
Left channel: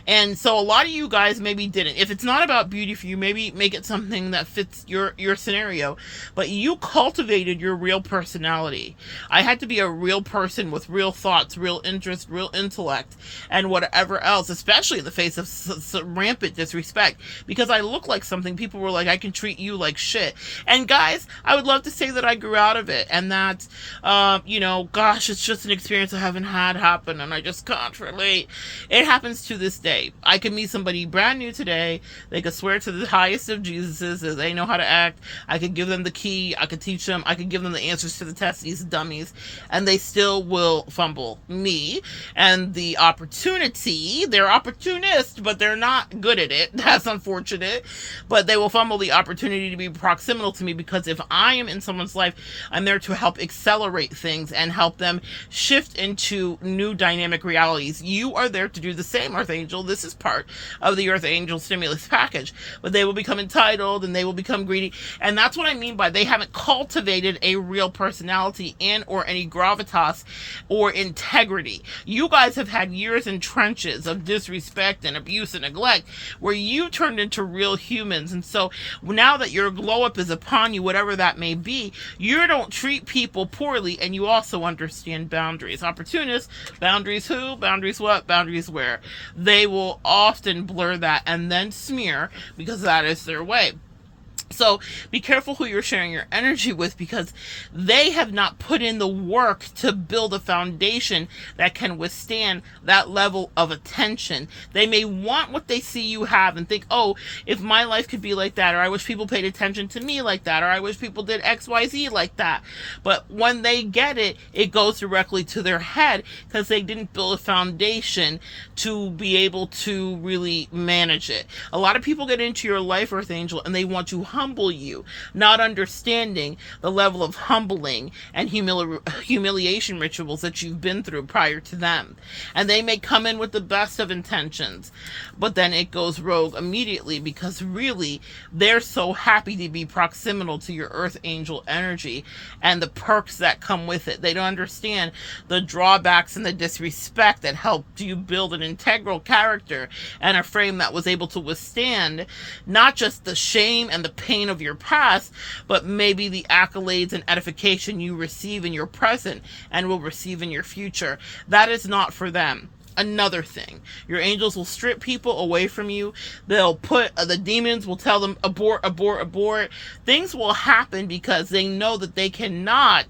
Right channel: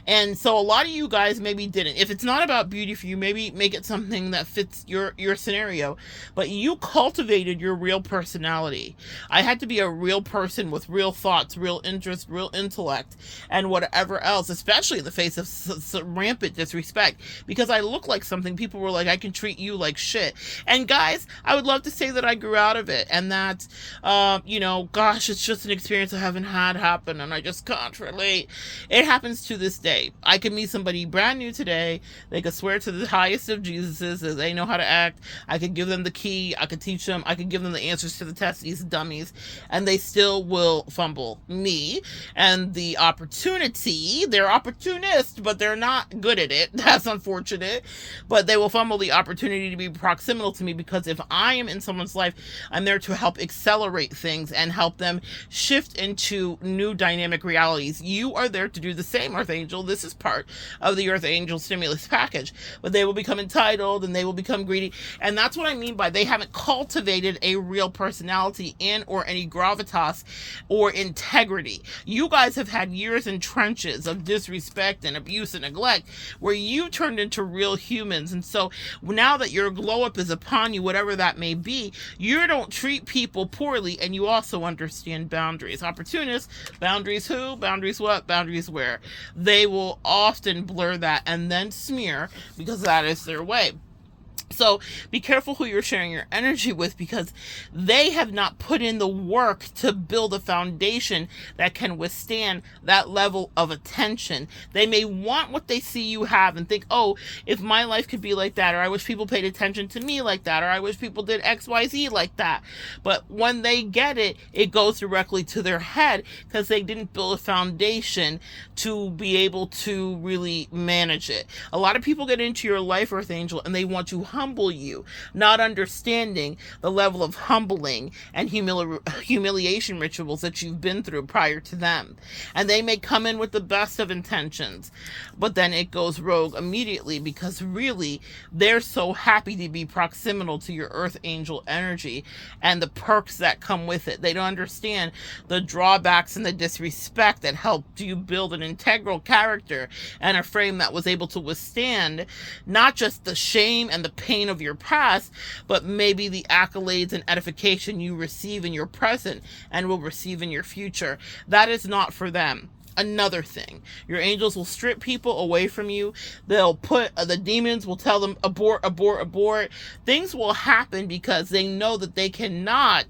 And so a lot of you guys maybe didn't. If it's not about beauty for you, maybe make it something that fits your scenario. But you cultivated your real personality. I had to be a real person with real thoughts, real interests, real intellect, and whatever else, especially in the face of rampant disrespect. Because I look like something, people were like, I can treat you like shit. And guys, I would love to say that I grew out of it. And that, gosh, it's just an experience I haven't had happen, and I just can't relate. It happens to this day. I could meet somebody brand new today. They could swear to the highest of Jesuses that they know how to act. I could give them the key. I could teach them. I could give them the answers to the test, these dummies, and they still will fumble me. And the opportunity, they're opportunists, but they're not good at it. That's unfortunate. But they will fumble the opportunity to be proximal to me, because if I am in someone's life, I'm there to help accelerate things and help them shift into new dynamic realities. You are there to do the same, Earth Angel. This is part of the Earth Angel stimulus package. But they will become entitled and they will become greedy. And that's what I mean by they haven't cultivated a real personality or any gravitas or integrity. You guys have had years in trenches of disrespect and abuse and neglect where you turned into real humans. And so now that your glow up is upon you, whatever that may be, you don't treat people poorly, and you also understand boundaries. Opportunists, boundaries who, boundaries what, boundaries where. They will often blur that and then smear, because that is their way. So be careful who you're sharing your energy with, because they have not put in the work to build a foundation that can withstand that level of attention. They may want what they see you have and think, oh, if my life could be like that, or I wish people paid attention to me like that, or I wish people did XYZ like that. But when they get it, it goes directly to their head, because they didn't build a foundation to be able to really manage it. A lot of people get into your life, Earth Angel, and they want to humble you, not understanding the level of humbling and humiliation rituals that you've been through prior to them. And they may come in with the best of intentions, but then it goes rogue immediately, because really they're so happy to be proximal to your Earth Angel energy and the perks that come with it. They don't understand the drawbacks and the disrespect that helped you build an integral character and a frame that was able to withstand not just the shame and the pain of your past, but maybe the accolades and edification you receive in your present and will receive in your future. That is not for them. another thing. Your angels will strip people away from you. They'll put, the demons will tell them, abort, abort, abort. Things will happen because they know that they cannot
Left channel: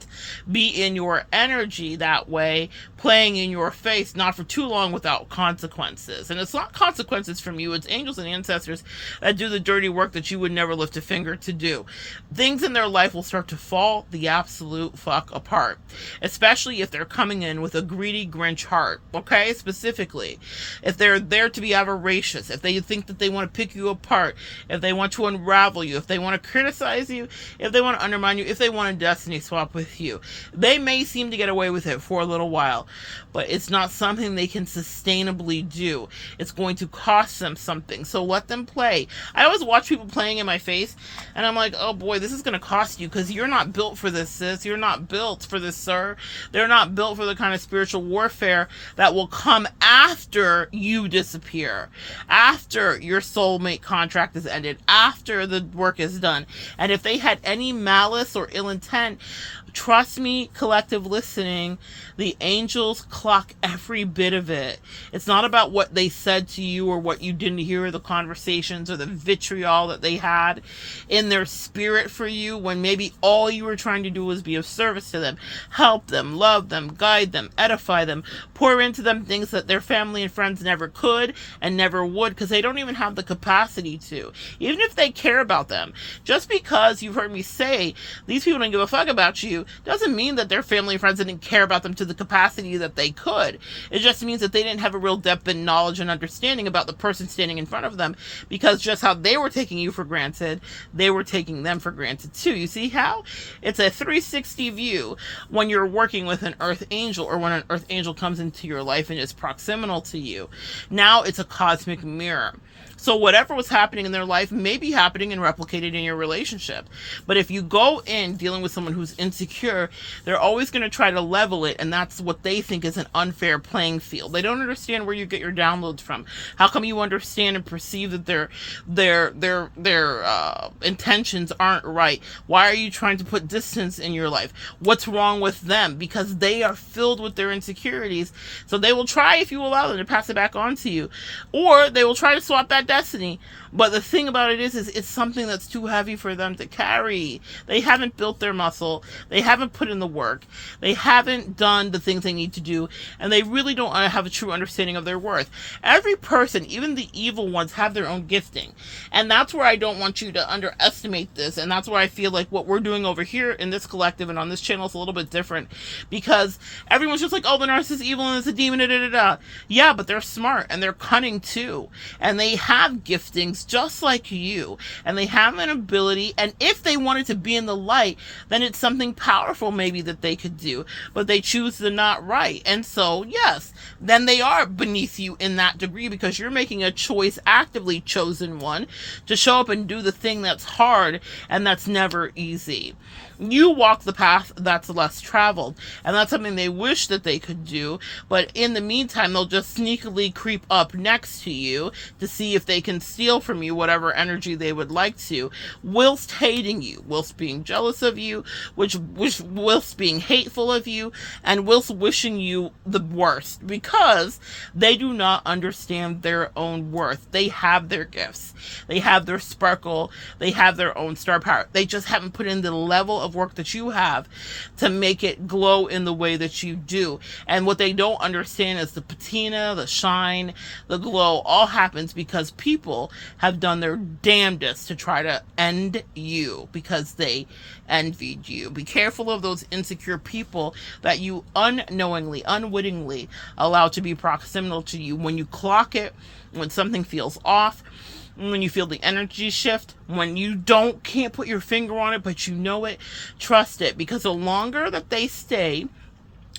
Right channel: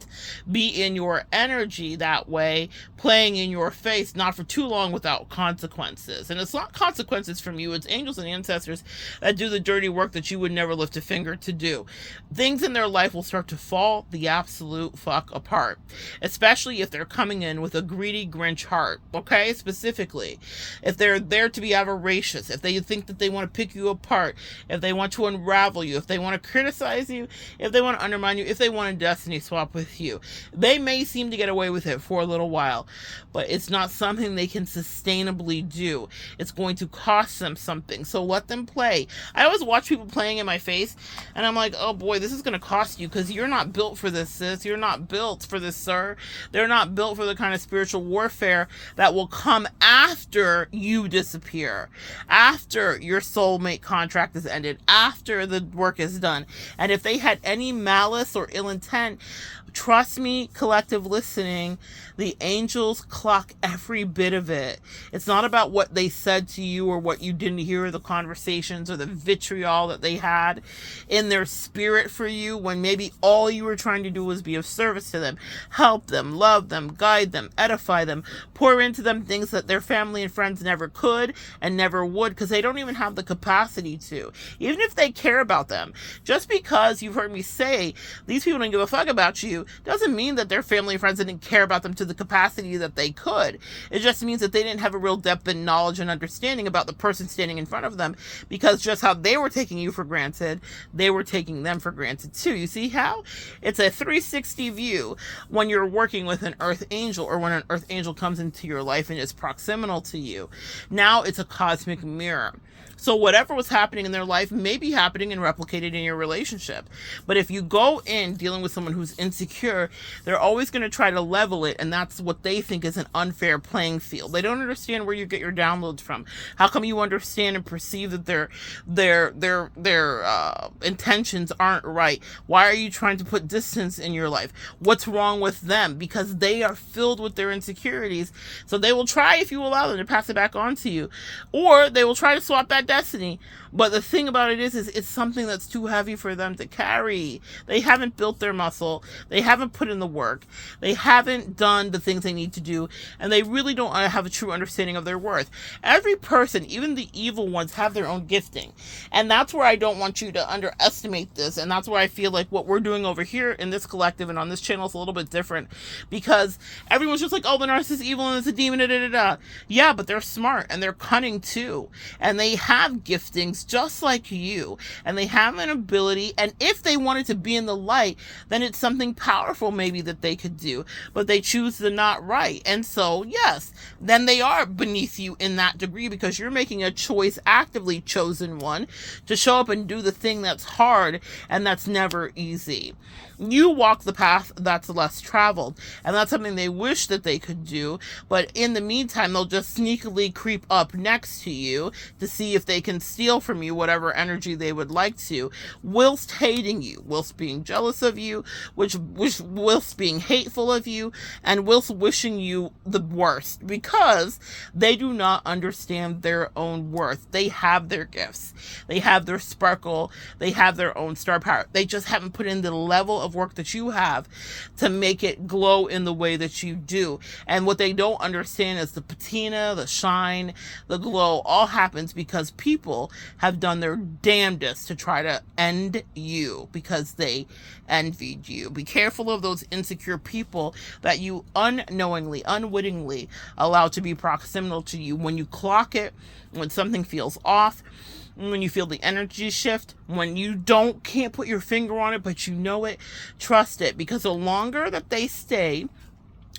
be in your energy that way, playing in your face, not for too long without consequences. And it's not consequences from you, it's angels and ancestors that do the dirty work that you would never lift a finger to do. Things in their life will start to fall the absolute fuck apart, especially if they're coming in with a greedy Grinch heart, okay? Specifically, if they're there to be avaricious, if they think that they want to pick you apart, if they want to unravel you, if they want to criticize you, if they want to undermine you, if they want to destiny swap with you, they may seem to get away with it for a little while, but it's not something they can sustainably do. It's going to cost them something. So let them play. I always watch people playing in my face, and I'm like, oh boy, this is going to cost you, because you're not built for this, sis. You're not built for this, sir. They're not built for the kind of spiritual warfare that will come after you disappear, after your soulmate contract is ended, after the work is done. And if they had any malice or ill intent, trust me, collective listening, the angels clock every bit of it. It's not about what they said to you or what you didn't hear, the conversations or the vitriol that they had in their spirit for you, when maybe all you were trying to do was be of service to them, help them, love them, guide them, edify them, pour into them things that their family and friends never could and never would, because they don't even have the capacity to. Even if they care about them, just because you've heard me say these people don't give a fuck about you doesn't mean that their family and friends didn't care about them to the capacity that they could. It just means that they didn't have a real depth and knowledge and understanding about the person standing in front of them, because just how they were taking you for granted, they were taking them for granted too. You see how it's a 360 view when you're working with an earth angel, or when an earth angel comes into your life and is proximal to you. Now it's a cosmic mirror. So whatever was happening in their life may be happening and replicated in your relationship. But if you go in dealing with someone who's insecure, they're always going to try to level it, and that's what they think is an unfair playing field. They don't understand where you get your downloads from. How come you understand and perceive that their intentions aren't right? Why are you trying to put distance in your life? What's wrong with them? Because they are filled with their insecurities. So they will try, if you allow them, to pass it back on to you, or they will try to swap that destiny. But the thing about it is it's something that's too heavy for them to carry. They haven't built their muscle. They haven't put in the work. They haven't done the things they need to do. And they really don't have a true understanding of their worth. Every person, even the evil ones, have their own gifting. And that's where I don't want you to underestimate this. And that's where I feel like what we're doing over here in this collective and on this channel is a little bit different. Because everyone's just like, oh, the narcissist is evil and it's a demon, da da da da. Yeah, but they're smart and they're cunning too. And they have giftings just like you, and they have an ability, and if they wanted to be in the light, then it's something powerful maybe that they could do, but they choose to not, right? And so yes, then they are beneath you in that degree, because you're making a choice, actively chosen one, to show up and do the thing that's hard and that's never easy. You walk the path that's less traveled, and that's something they wish that they could do, but in the meantime, they'll just sneakily creep up next to you to see if they can steal from you whatever energy they would like to, whilst hating you, whilst being jealous of you, whilst being hateful of you, and whilst wishing you the worst, because they do not understand their own worth. They have their gifts, they have their sparkle, they have their own star power. They just haven't put in the level of work that you have to make it glow in the way that you do. And what they don't understand is the patina, the shine, the glow all happens because people have done their damnedest to try to end you, because they envied you. Be careful of those insecure people that you unknowingly, unwittingly allow to be proximal to you. When you clock it, when something feels off, when you feel the energy shift, when you can't put your finger on it, but you know it, trust it, because the longer that they stay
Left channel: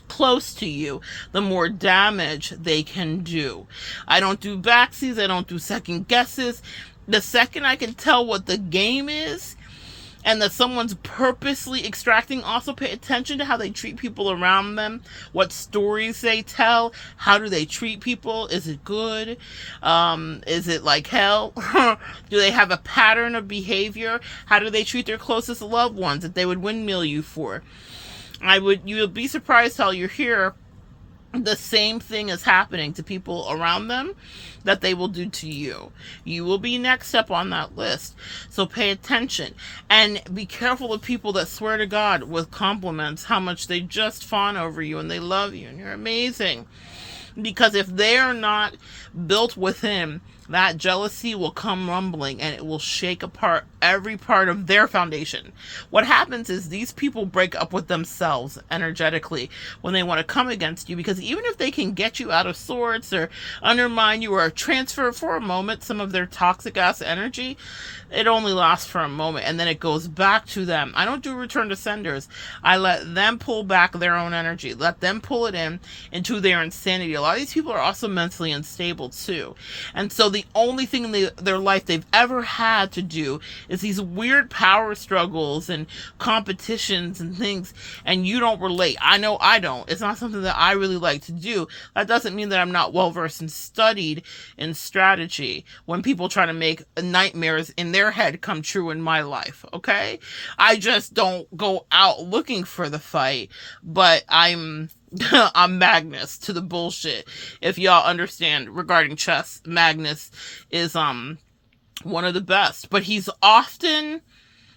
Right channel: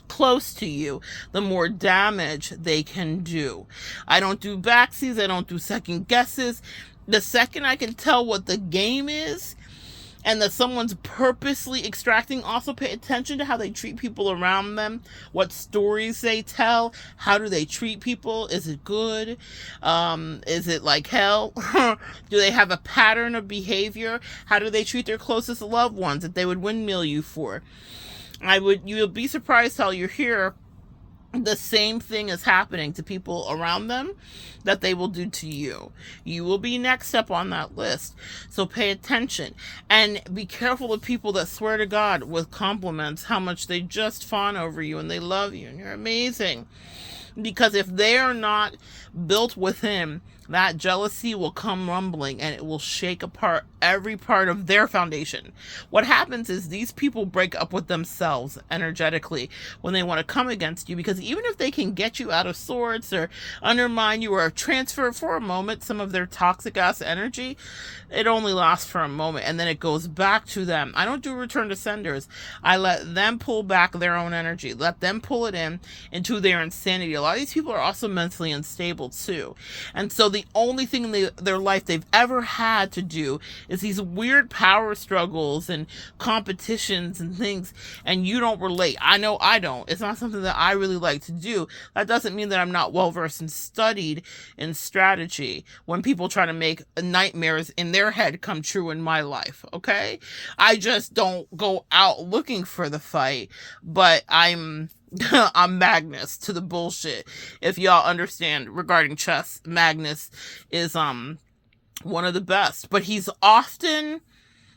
close to you, the more damage they can do. I don't do backsies. I don't do second guesses. The second I can tell what the game is, and that someone's purposely extracting, also pay attention to how they treat people around them, what stories they tell, how do they treat people, is it good, is it like hell, do they have a pattern of behavior, how do they treat their closest loved ones that they would windmill you for. You would be surprised how you're here the same thing is happening to people around them that they will do to you. You will be next up on that list. So pay attention and be careful of people that swear to God with compliments how much they just fawn over you and they love you and you're amazing. Because if they are not built within, that jealousy will come rumbling and it will shake apart every part of their foundation. What happens is these people break up with themselves energetically when they want to come against you, because even if they can get you out of sorts or undermine you or transfer for a moment some of their toxic ass energy, it only lasts for a moment and then it goes back to them. I don't do return to senders. I let them pull back their own energy, let them pull it in into their insanity. A lot of these people are also mentally unstable too. And so the only thing in their life they've ever had to do is these weird power struggles and competitions and things, and you don't relate. I know I don't. It's not something that I really like to do. That doesn't mean that I'm not well versed and studied in strategy when people try to make nightmares in their head come true in my life, okay? I just don't go out looking for the fight, but I'm Magnus to the bullshit. If y'all understand regarding chess, Magnus is one of the best, but he's often,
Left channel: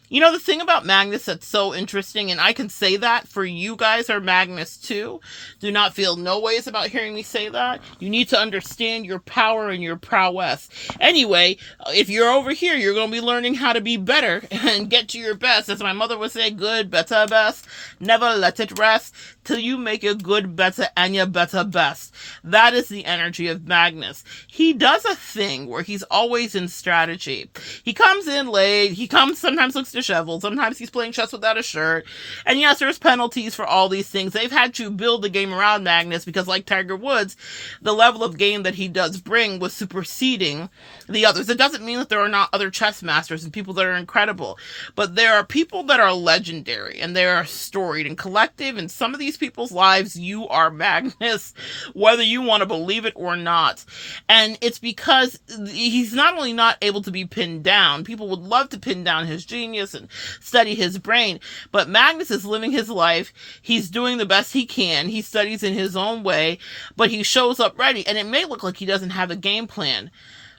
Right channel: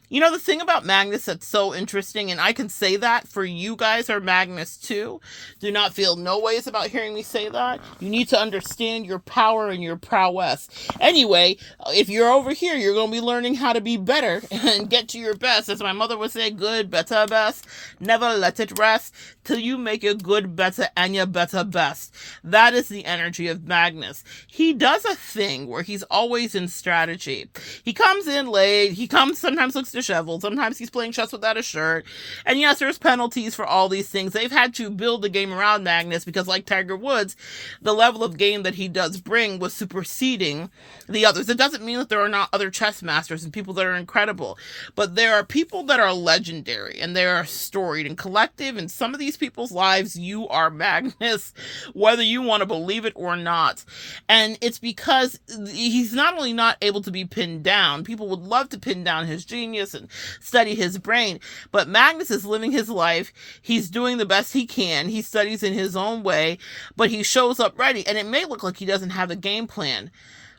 you know, the thing about Magnus that's so interesting, and I can say that for you guys are Magnus too. Do not feel no ways about hearing me say that. You need to understand your power and your prowess. Anyway, if you're over here, you're going to be learning how to be better and get to your best. As my mother would say, good, better, best. Never let it rest till you make your good, better, and your better best. That is the energy of Magnus. He does a thing where he's always in strategy. He comes in late. He sometimes looks disheveled. Sometimes he's playing chess without a shirt. And yes, there's penalties for all these things. They've had to build the game around Magnus because, like Tiger Woods, the level of game that he does bring was superseding the others. It doesn't mean that there are not other chess masters and people that are incredible, but there are people that are legendary and they are storied and collective. In some of these people's lives, you are Magnus, whether you want to believe it or not. And it's because he's not only not able to be pinned down, people would love to pin down his genius and study his brain, but Magnus is living his life. He's doing the best he can. He studies in his own way, but he shows up ready. And it may look like he doesn't have a game plan,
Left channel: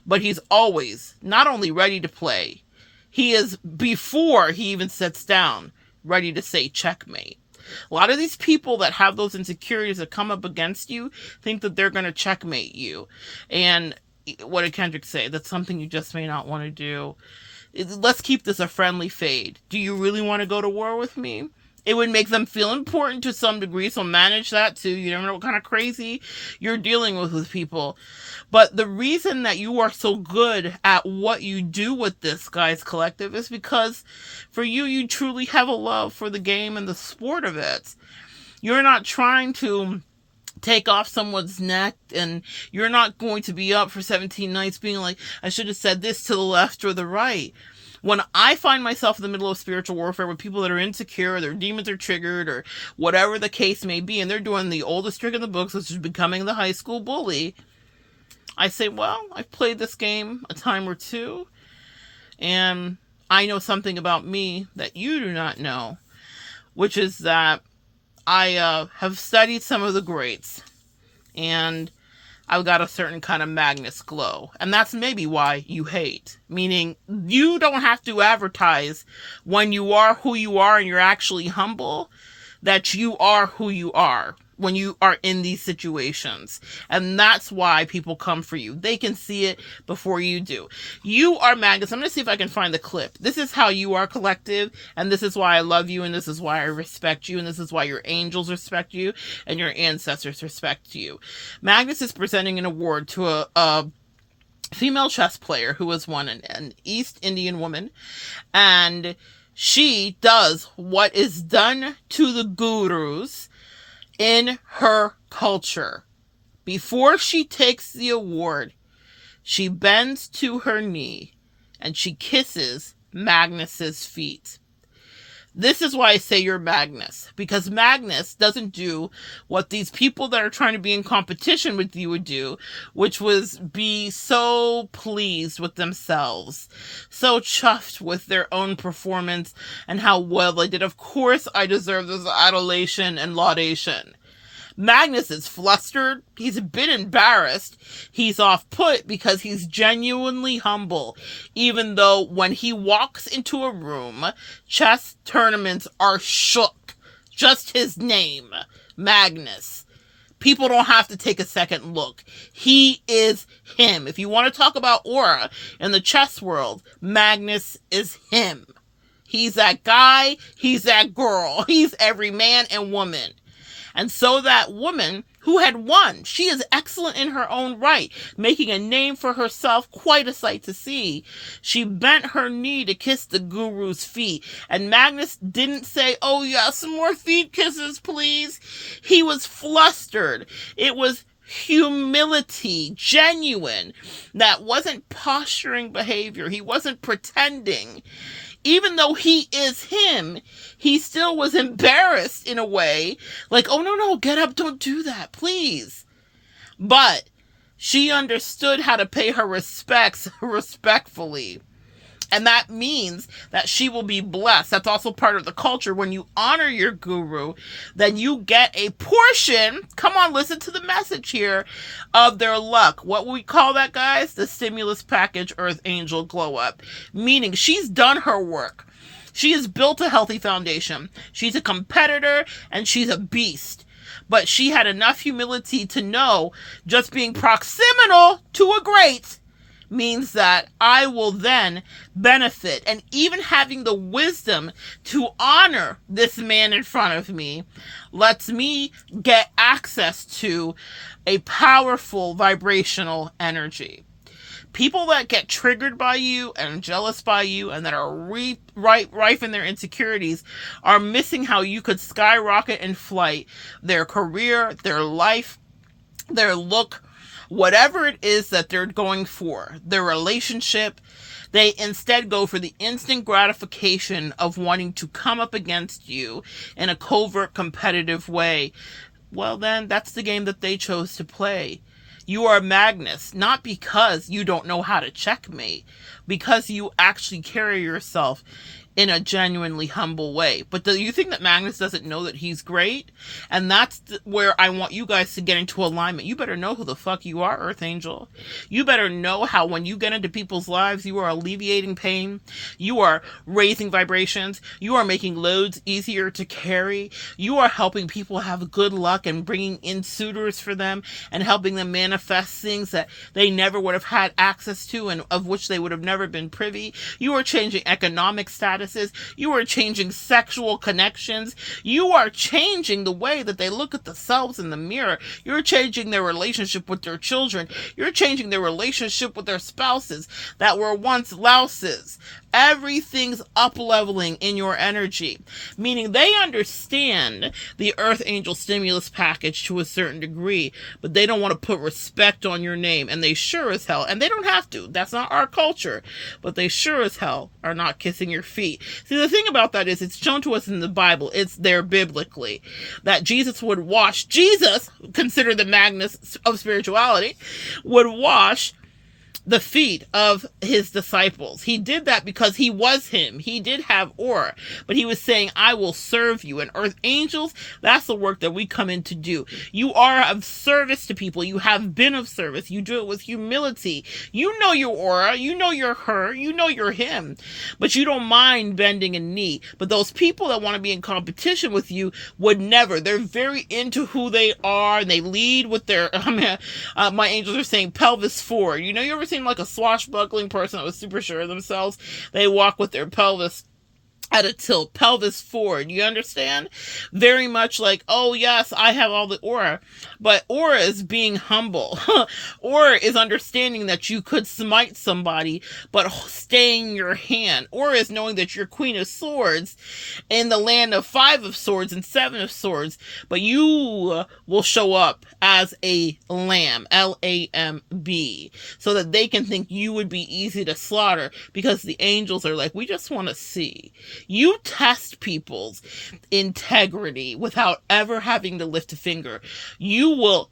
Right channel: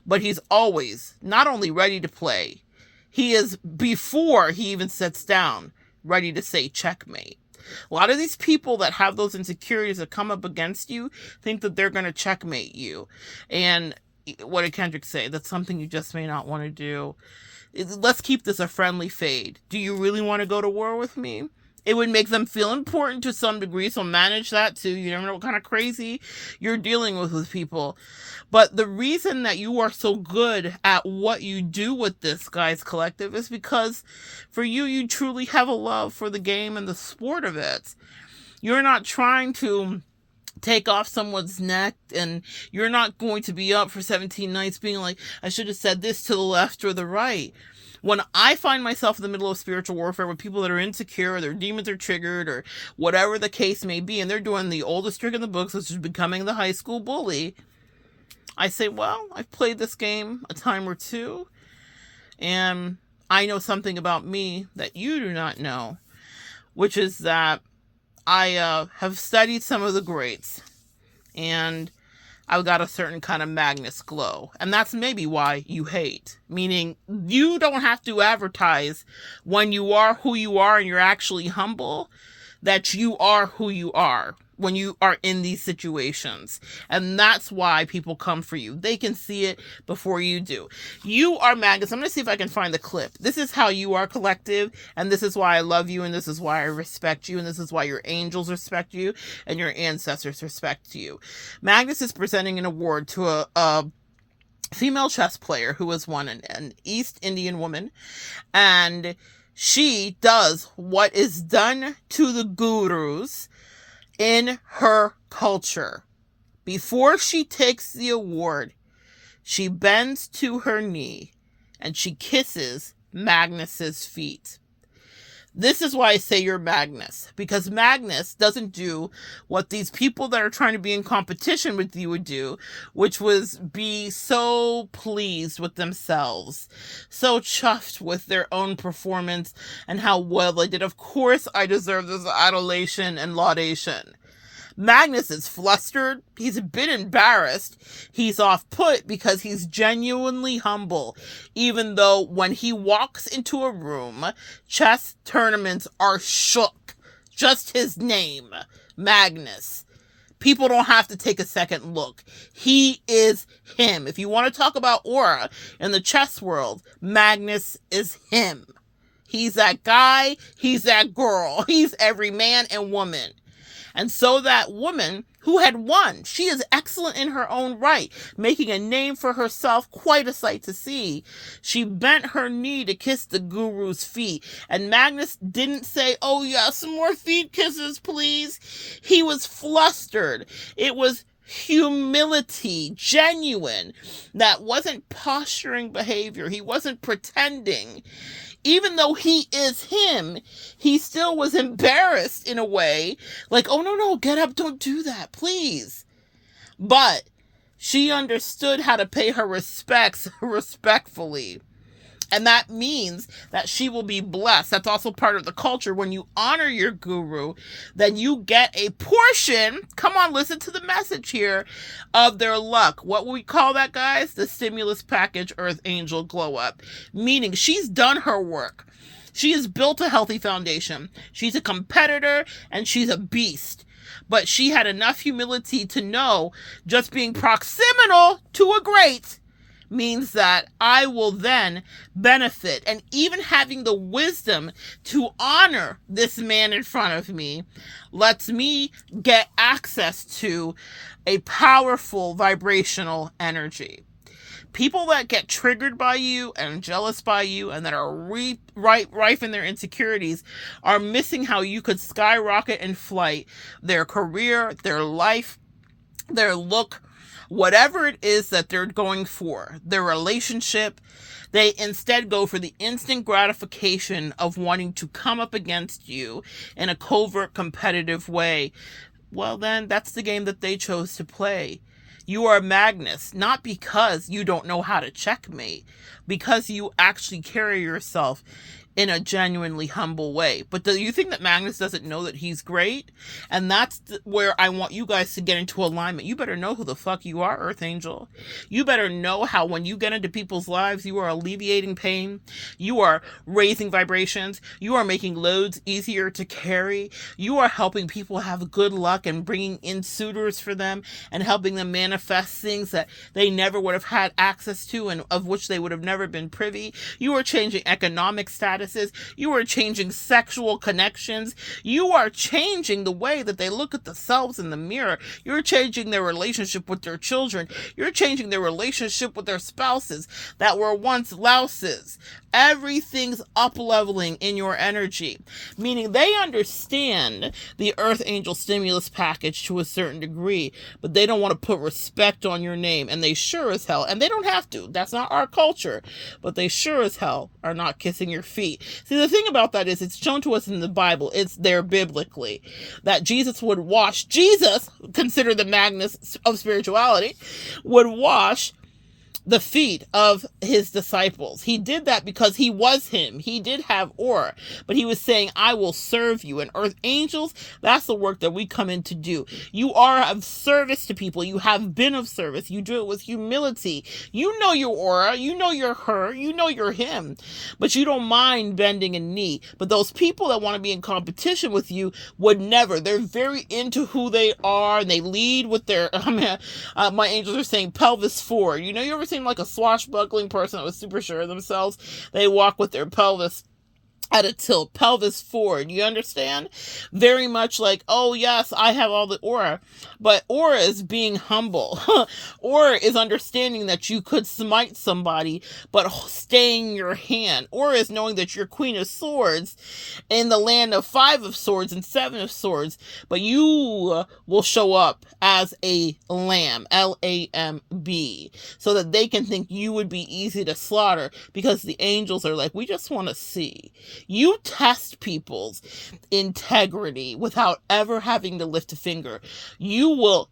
but he's always not only ready to play, he is, before he even sits down, ready to say checkmate. A lot of these people that have those insecurities that come up against you think that they're going to checkmate you. And what did Kendrick say? That's something you just may not want to do. Let's keep this a friendly fade. Do you really want to go to war with me? It would make them feel important to some degree, so manage that too. You never know what kind of crazy you're dealing with people. But the reason that you are so good at what you do with this, guys collective, is because for you, you truly have a love for the game and the sport of it. You're not trying to take off someone's neck, and you're not going to be up for 17 nights being like, I should have said this to the left or the right. When I find myself in the middle of spiritual warfare with people that are insecure, or their demons are triggered, or whatever the case may be, and they're doing the oldest trick in the books, which is becoming the high school bully, I say, well, I've played this game a time or two, and I know something about me that you do not know, which is that I have studied some of the greats, and I've got a certain kind of Magnus glow. And that's maybe why you hate. Meaning, you don't have to advertise when you are who you are and you're actually humble, that you are who you are when you are in these situations. And that's why people come for you. They can see it before you do. You are Magnus. I'm going to see if I can find the clip. This is how you are collective, and this is why I love you, and this is why I respect you, and this is why your angels respect you, and your ancestors respect you. Magnus is presenting an award to a female chess player who was an East Indian woman, and she does what is done to the gurus in her culture. Before she takes the award, she bends to her knee and she kisses Magnus's feet. This is why I say you're Magnus, because Magnus doesn't do what these people that are trying to be in competition with you would do, which was be so pleased with themselves, so chuffed with their own performance and how well they did. Of course, I deserve this adulation and laudation. Magnus is flustered. He's a bit embarrassed. He's off put because he's genuinely humble, even though when he walks into a room, chess tournaments are shook. Just his name, Magnus. People don't have to take a second look. He is him. If you want to talk about aura in the chess world, Magnus is him. He's that guy. He's that girl. He's every man and woman. And so that woman who had won, she is excellent in her own right, making a name for herself, quite a sight to see. She bent her knee to kiss the guru's feet, and Magnus didn't say, "Oh yeah, some more feet kisses, please." He was flustered. It was humility, genuine. That wasn't posturing behavior. He wasn't pretending. Even though he is him, he still was embarrassed in a way, like, "Oh, no, get up, don't do that, please." But she understood how to pay her respects respectfully. And that means that she will be blessed. That's also part of the culture. When you honor your guru, then you get a portion, come on, listen to the message here, of their luck. What we call that, guys? The stimulus package Earth Angel glow up. Meaning she's done her work. She has built a healthy foundation. She's a competitor and she's a beast. But she had enough humility to know just being proximal to a great means that I will then benefit. And even having the wisdom to honor this man in front of me lets me get access to a powerful vibrational energy. People that get triggered by you and jealous by you and that are rife in their insecurities are missing how you could skyrocket in flight their career, their life, their look, whatever it is that they're going for, their relationship. They instead go for the instant gratification of wanting to come up against you in a covert competitive way. Well, then that's the game that they chose to play. You are Magnus, not because you don't know how to checkmate, because you actually carry yourself in a genuinely humble way. But do you think that Magnus doesn't know that he's great? And that's where I want you guys to get into alignment. You better know who the fuck you are, Earth Angel. You better know how when you get into people's lives, you are alleviating pain. You are raising vibrations. You are making loads easier to carry. You are helping people have good luck and bringing in suitors for them and helping them manifest things that they never would have had access to and of which they would have never been privy. You are changing economic status. You are changing sexual connections. You are changing the way that they look at themselves in the mirror. You're changing their relationship with their children. You're changing their relationship with their spouses that were once louses. Everything's up-leveling in your energy, meaning they understand the Earth Angel stimulus package to a certain degree, but they don't want to put respect on your name, and they sure as hell, and they don't have to, that's not our culture, but they sure as hell are not kissing your feet. See, the thing about that is it's shown to us in the Bible, it's there biblically, that Jesus, considered the Magnus of spirituality, would wash the feet of his disciples. He did that because he was him. He did have aura, but he was saying, "I will serve you." And Earth Angels, that's the work that we come in to do. You are of service to people. You have been of service. You do it with humility. You know your aura. You know you're her. You know you're him, but you don't mind bending a knee. But those people that want to be in competition with you would never. They're very into who they are, and they lead with their, my angels are saying pelvis forward. You know, you ever seen like a swashbuckling person that was super sure of themselves? They walk with their pelvis at a tilt, pelvis forward. You understand? Very much like, oh yes, I have all the aura. But aura is being humble. Aura is understanding that you could smite somebody, but staying your hand. Aura is knowing that you're Queen of Swords in the land of 5 of Swords and 7 of Swords, but you will show up as a lamb, Lamb, so that they can think you would be easy to slaughter, because the angels are like, we just want to see. You test people's integrity without ever having to lift a finger. You will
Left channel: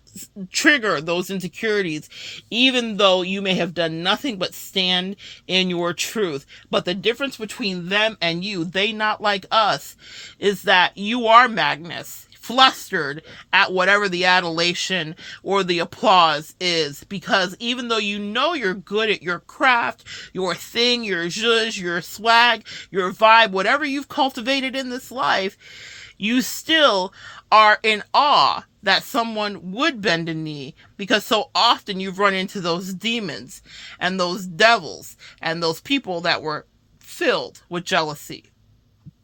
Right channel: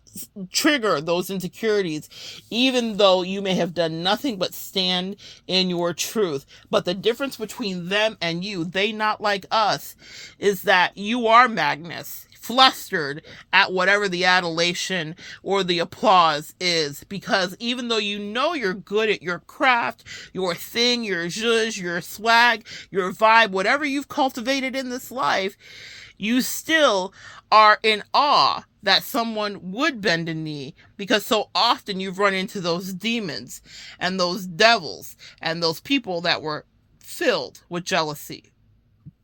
trigger those insecurities, even though you may have done nothing but stand in your truth. But the difference between them and you, they not like us, is that you are Magnus. flustered at whatever the adulation or the applause is, because even though you know you're good at your craft, your thing, your zhuzh, your swag, your vibe, whatever you've cultivated in this life, you still are in awe that someone would bend a knee, because so often you've run into those demons and those devils and those people that were filled with jealousy.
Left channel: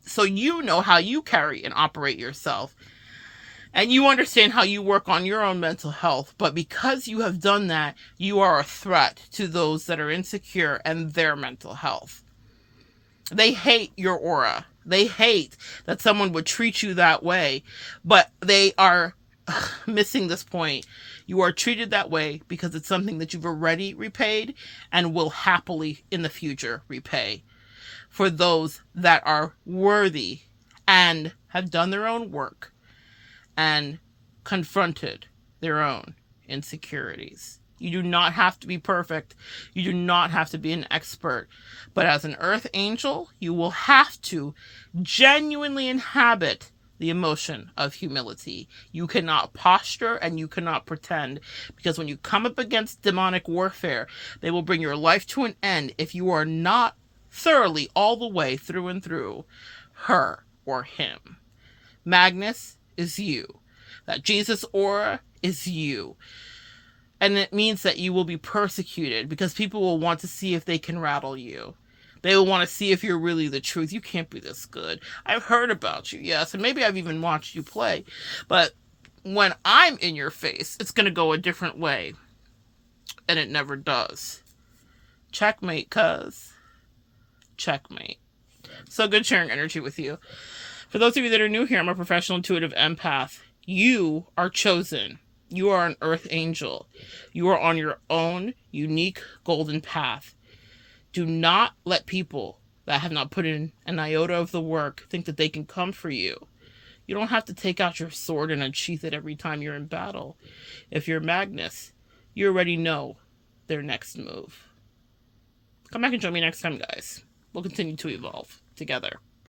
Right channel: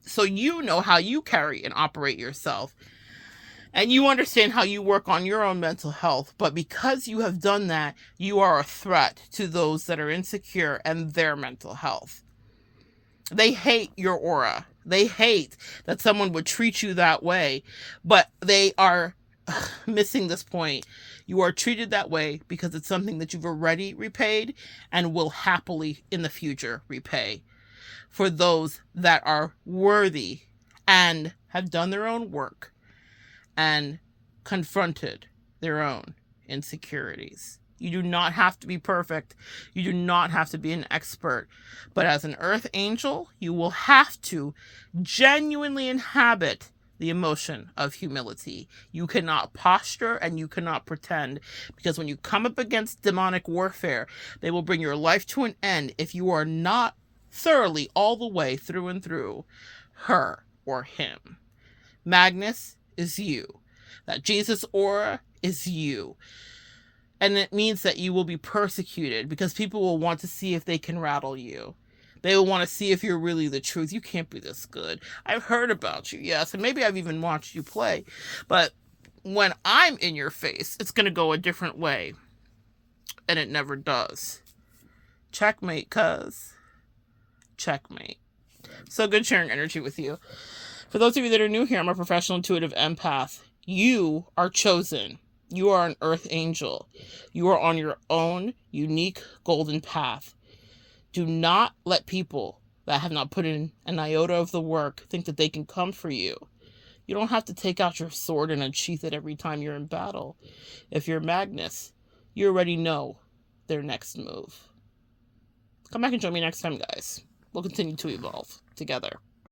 So you know how you carry and operate yourself, and you understand how you work on your own mental health. But because you have done that, you are a threat to those that are insecure and their mental health. They hate your aura. They hate that someone would treat you that way, but they are missing this point. You are treated that way because it's something that you've already repaid and will happily in the future repay for those that are worthy and have done their own work and confronted their own insecurities. You do not have to be perfect. You do not have to be an expert. But as an earth angel, you will have to genuinely inhabit the emotion of humility. You cannot posture and you cannot pretend, because when you come up against demonic warfare, they will bring your life to an end if you are not thoroughly all the way through and through her or him. Magnus is you. That Jesus aura is you. And it means that you will be persecuted because people will want to see if they can rattle you. They will want to see if you're really the truth. You can't be this good. I've heard about you, yes, and maybe I've even watched you play. But when I'm in your face, it's going to go a different way. And it never does. Checkmate, cuz. Checkmate. So good sharing energy with you. For those of you that are new here, I'm a professional intuitive empath. You are chosen. You are an earth angel. You are on your own unique golden path. Do not let people that have not put in an iota of the work think that they can come for you. You don't have to take out your sword and unsheath it every time you're in battle. If you're Magnus, you already know their next move. Come back and join me next time, guys. We'll continue to evolve together.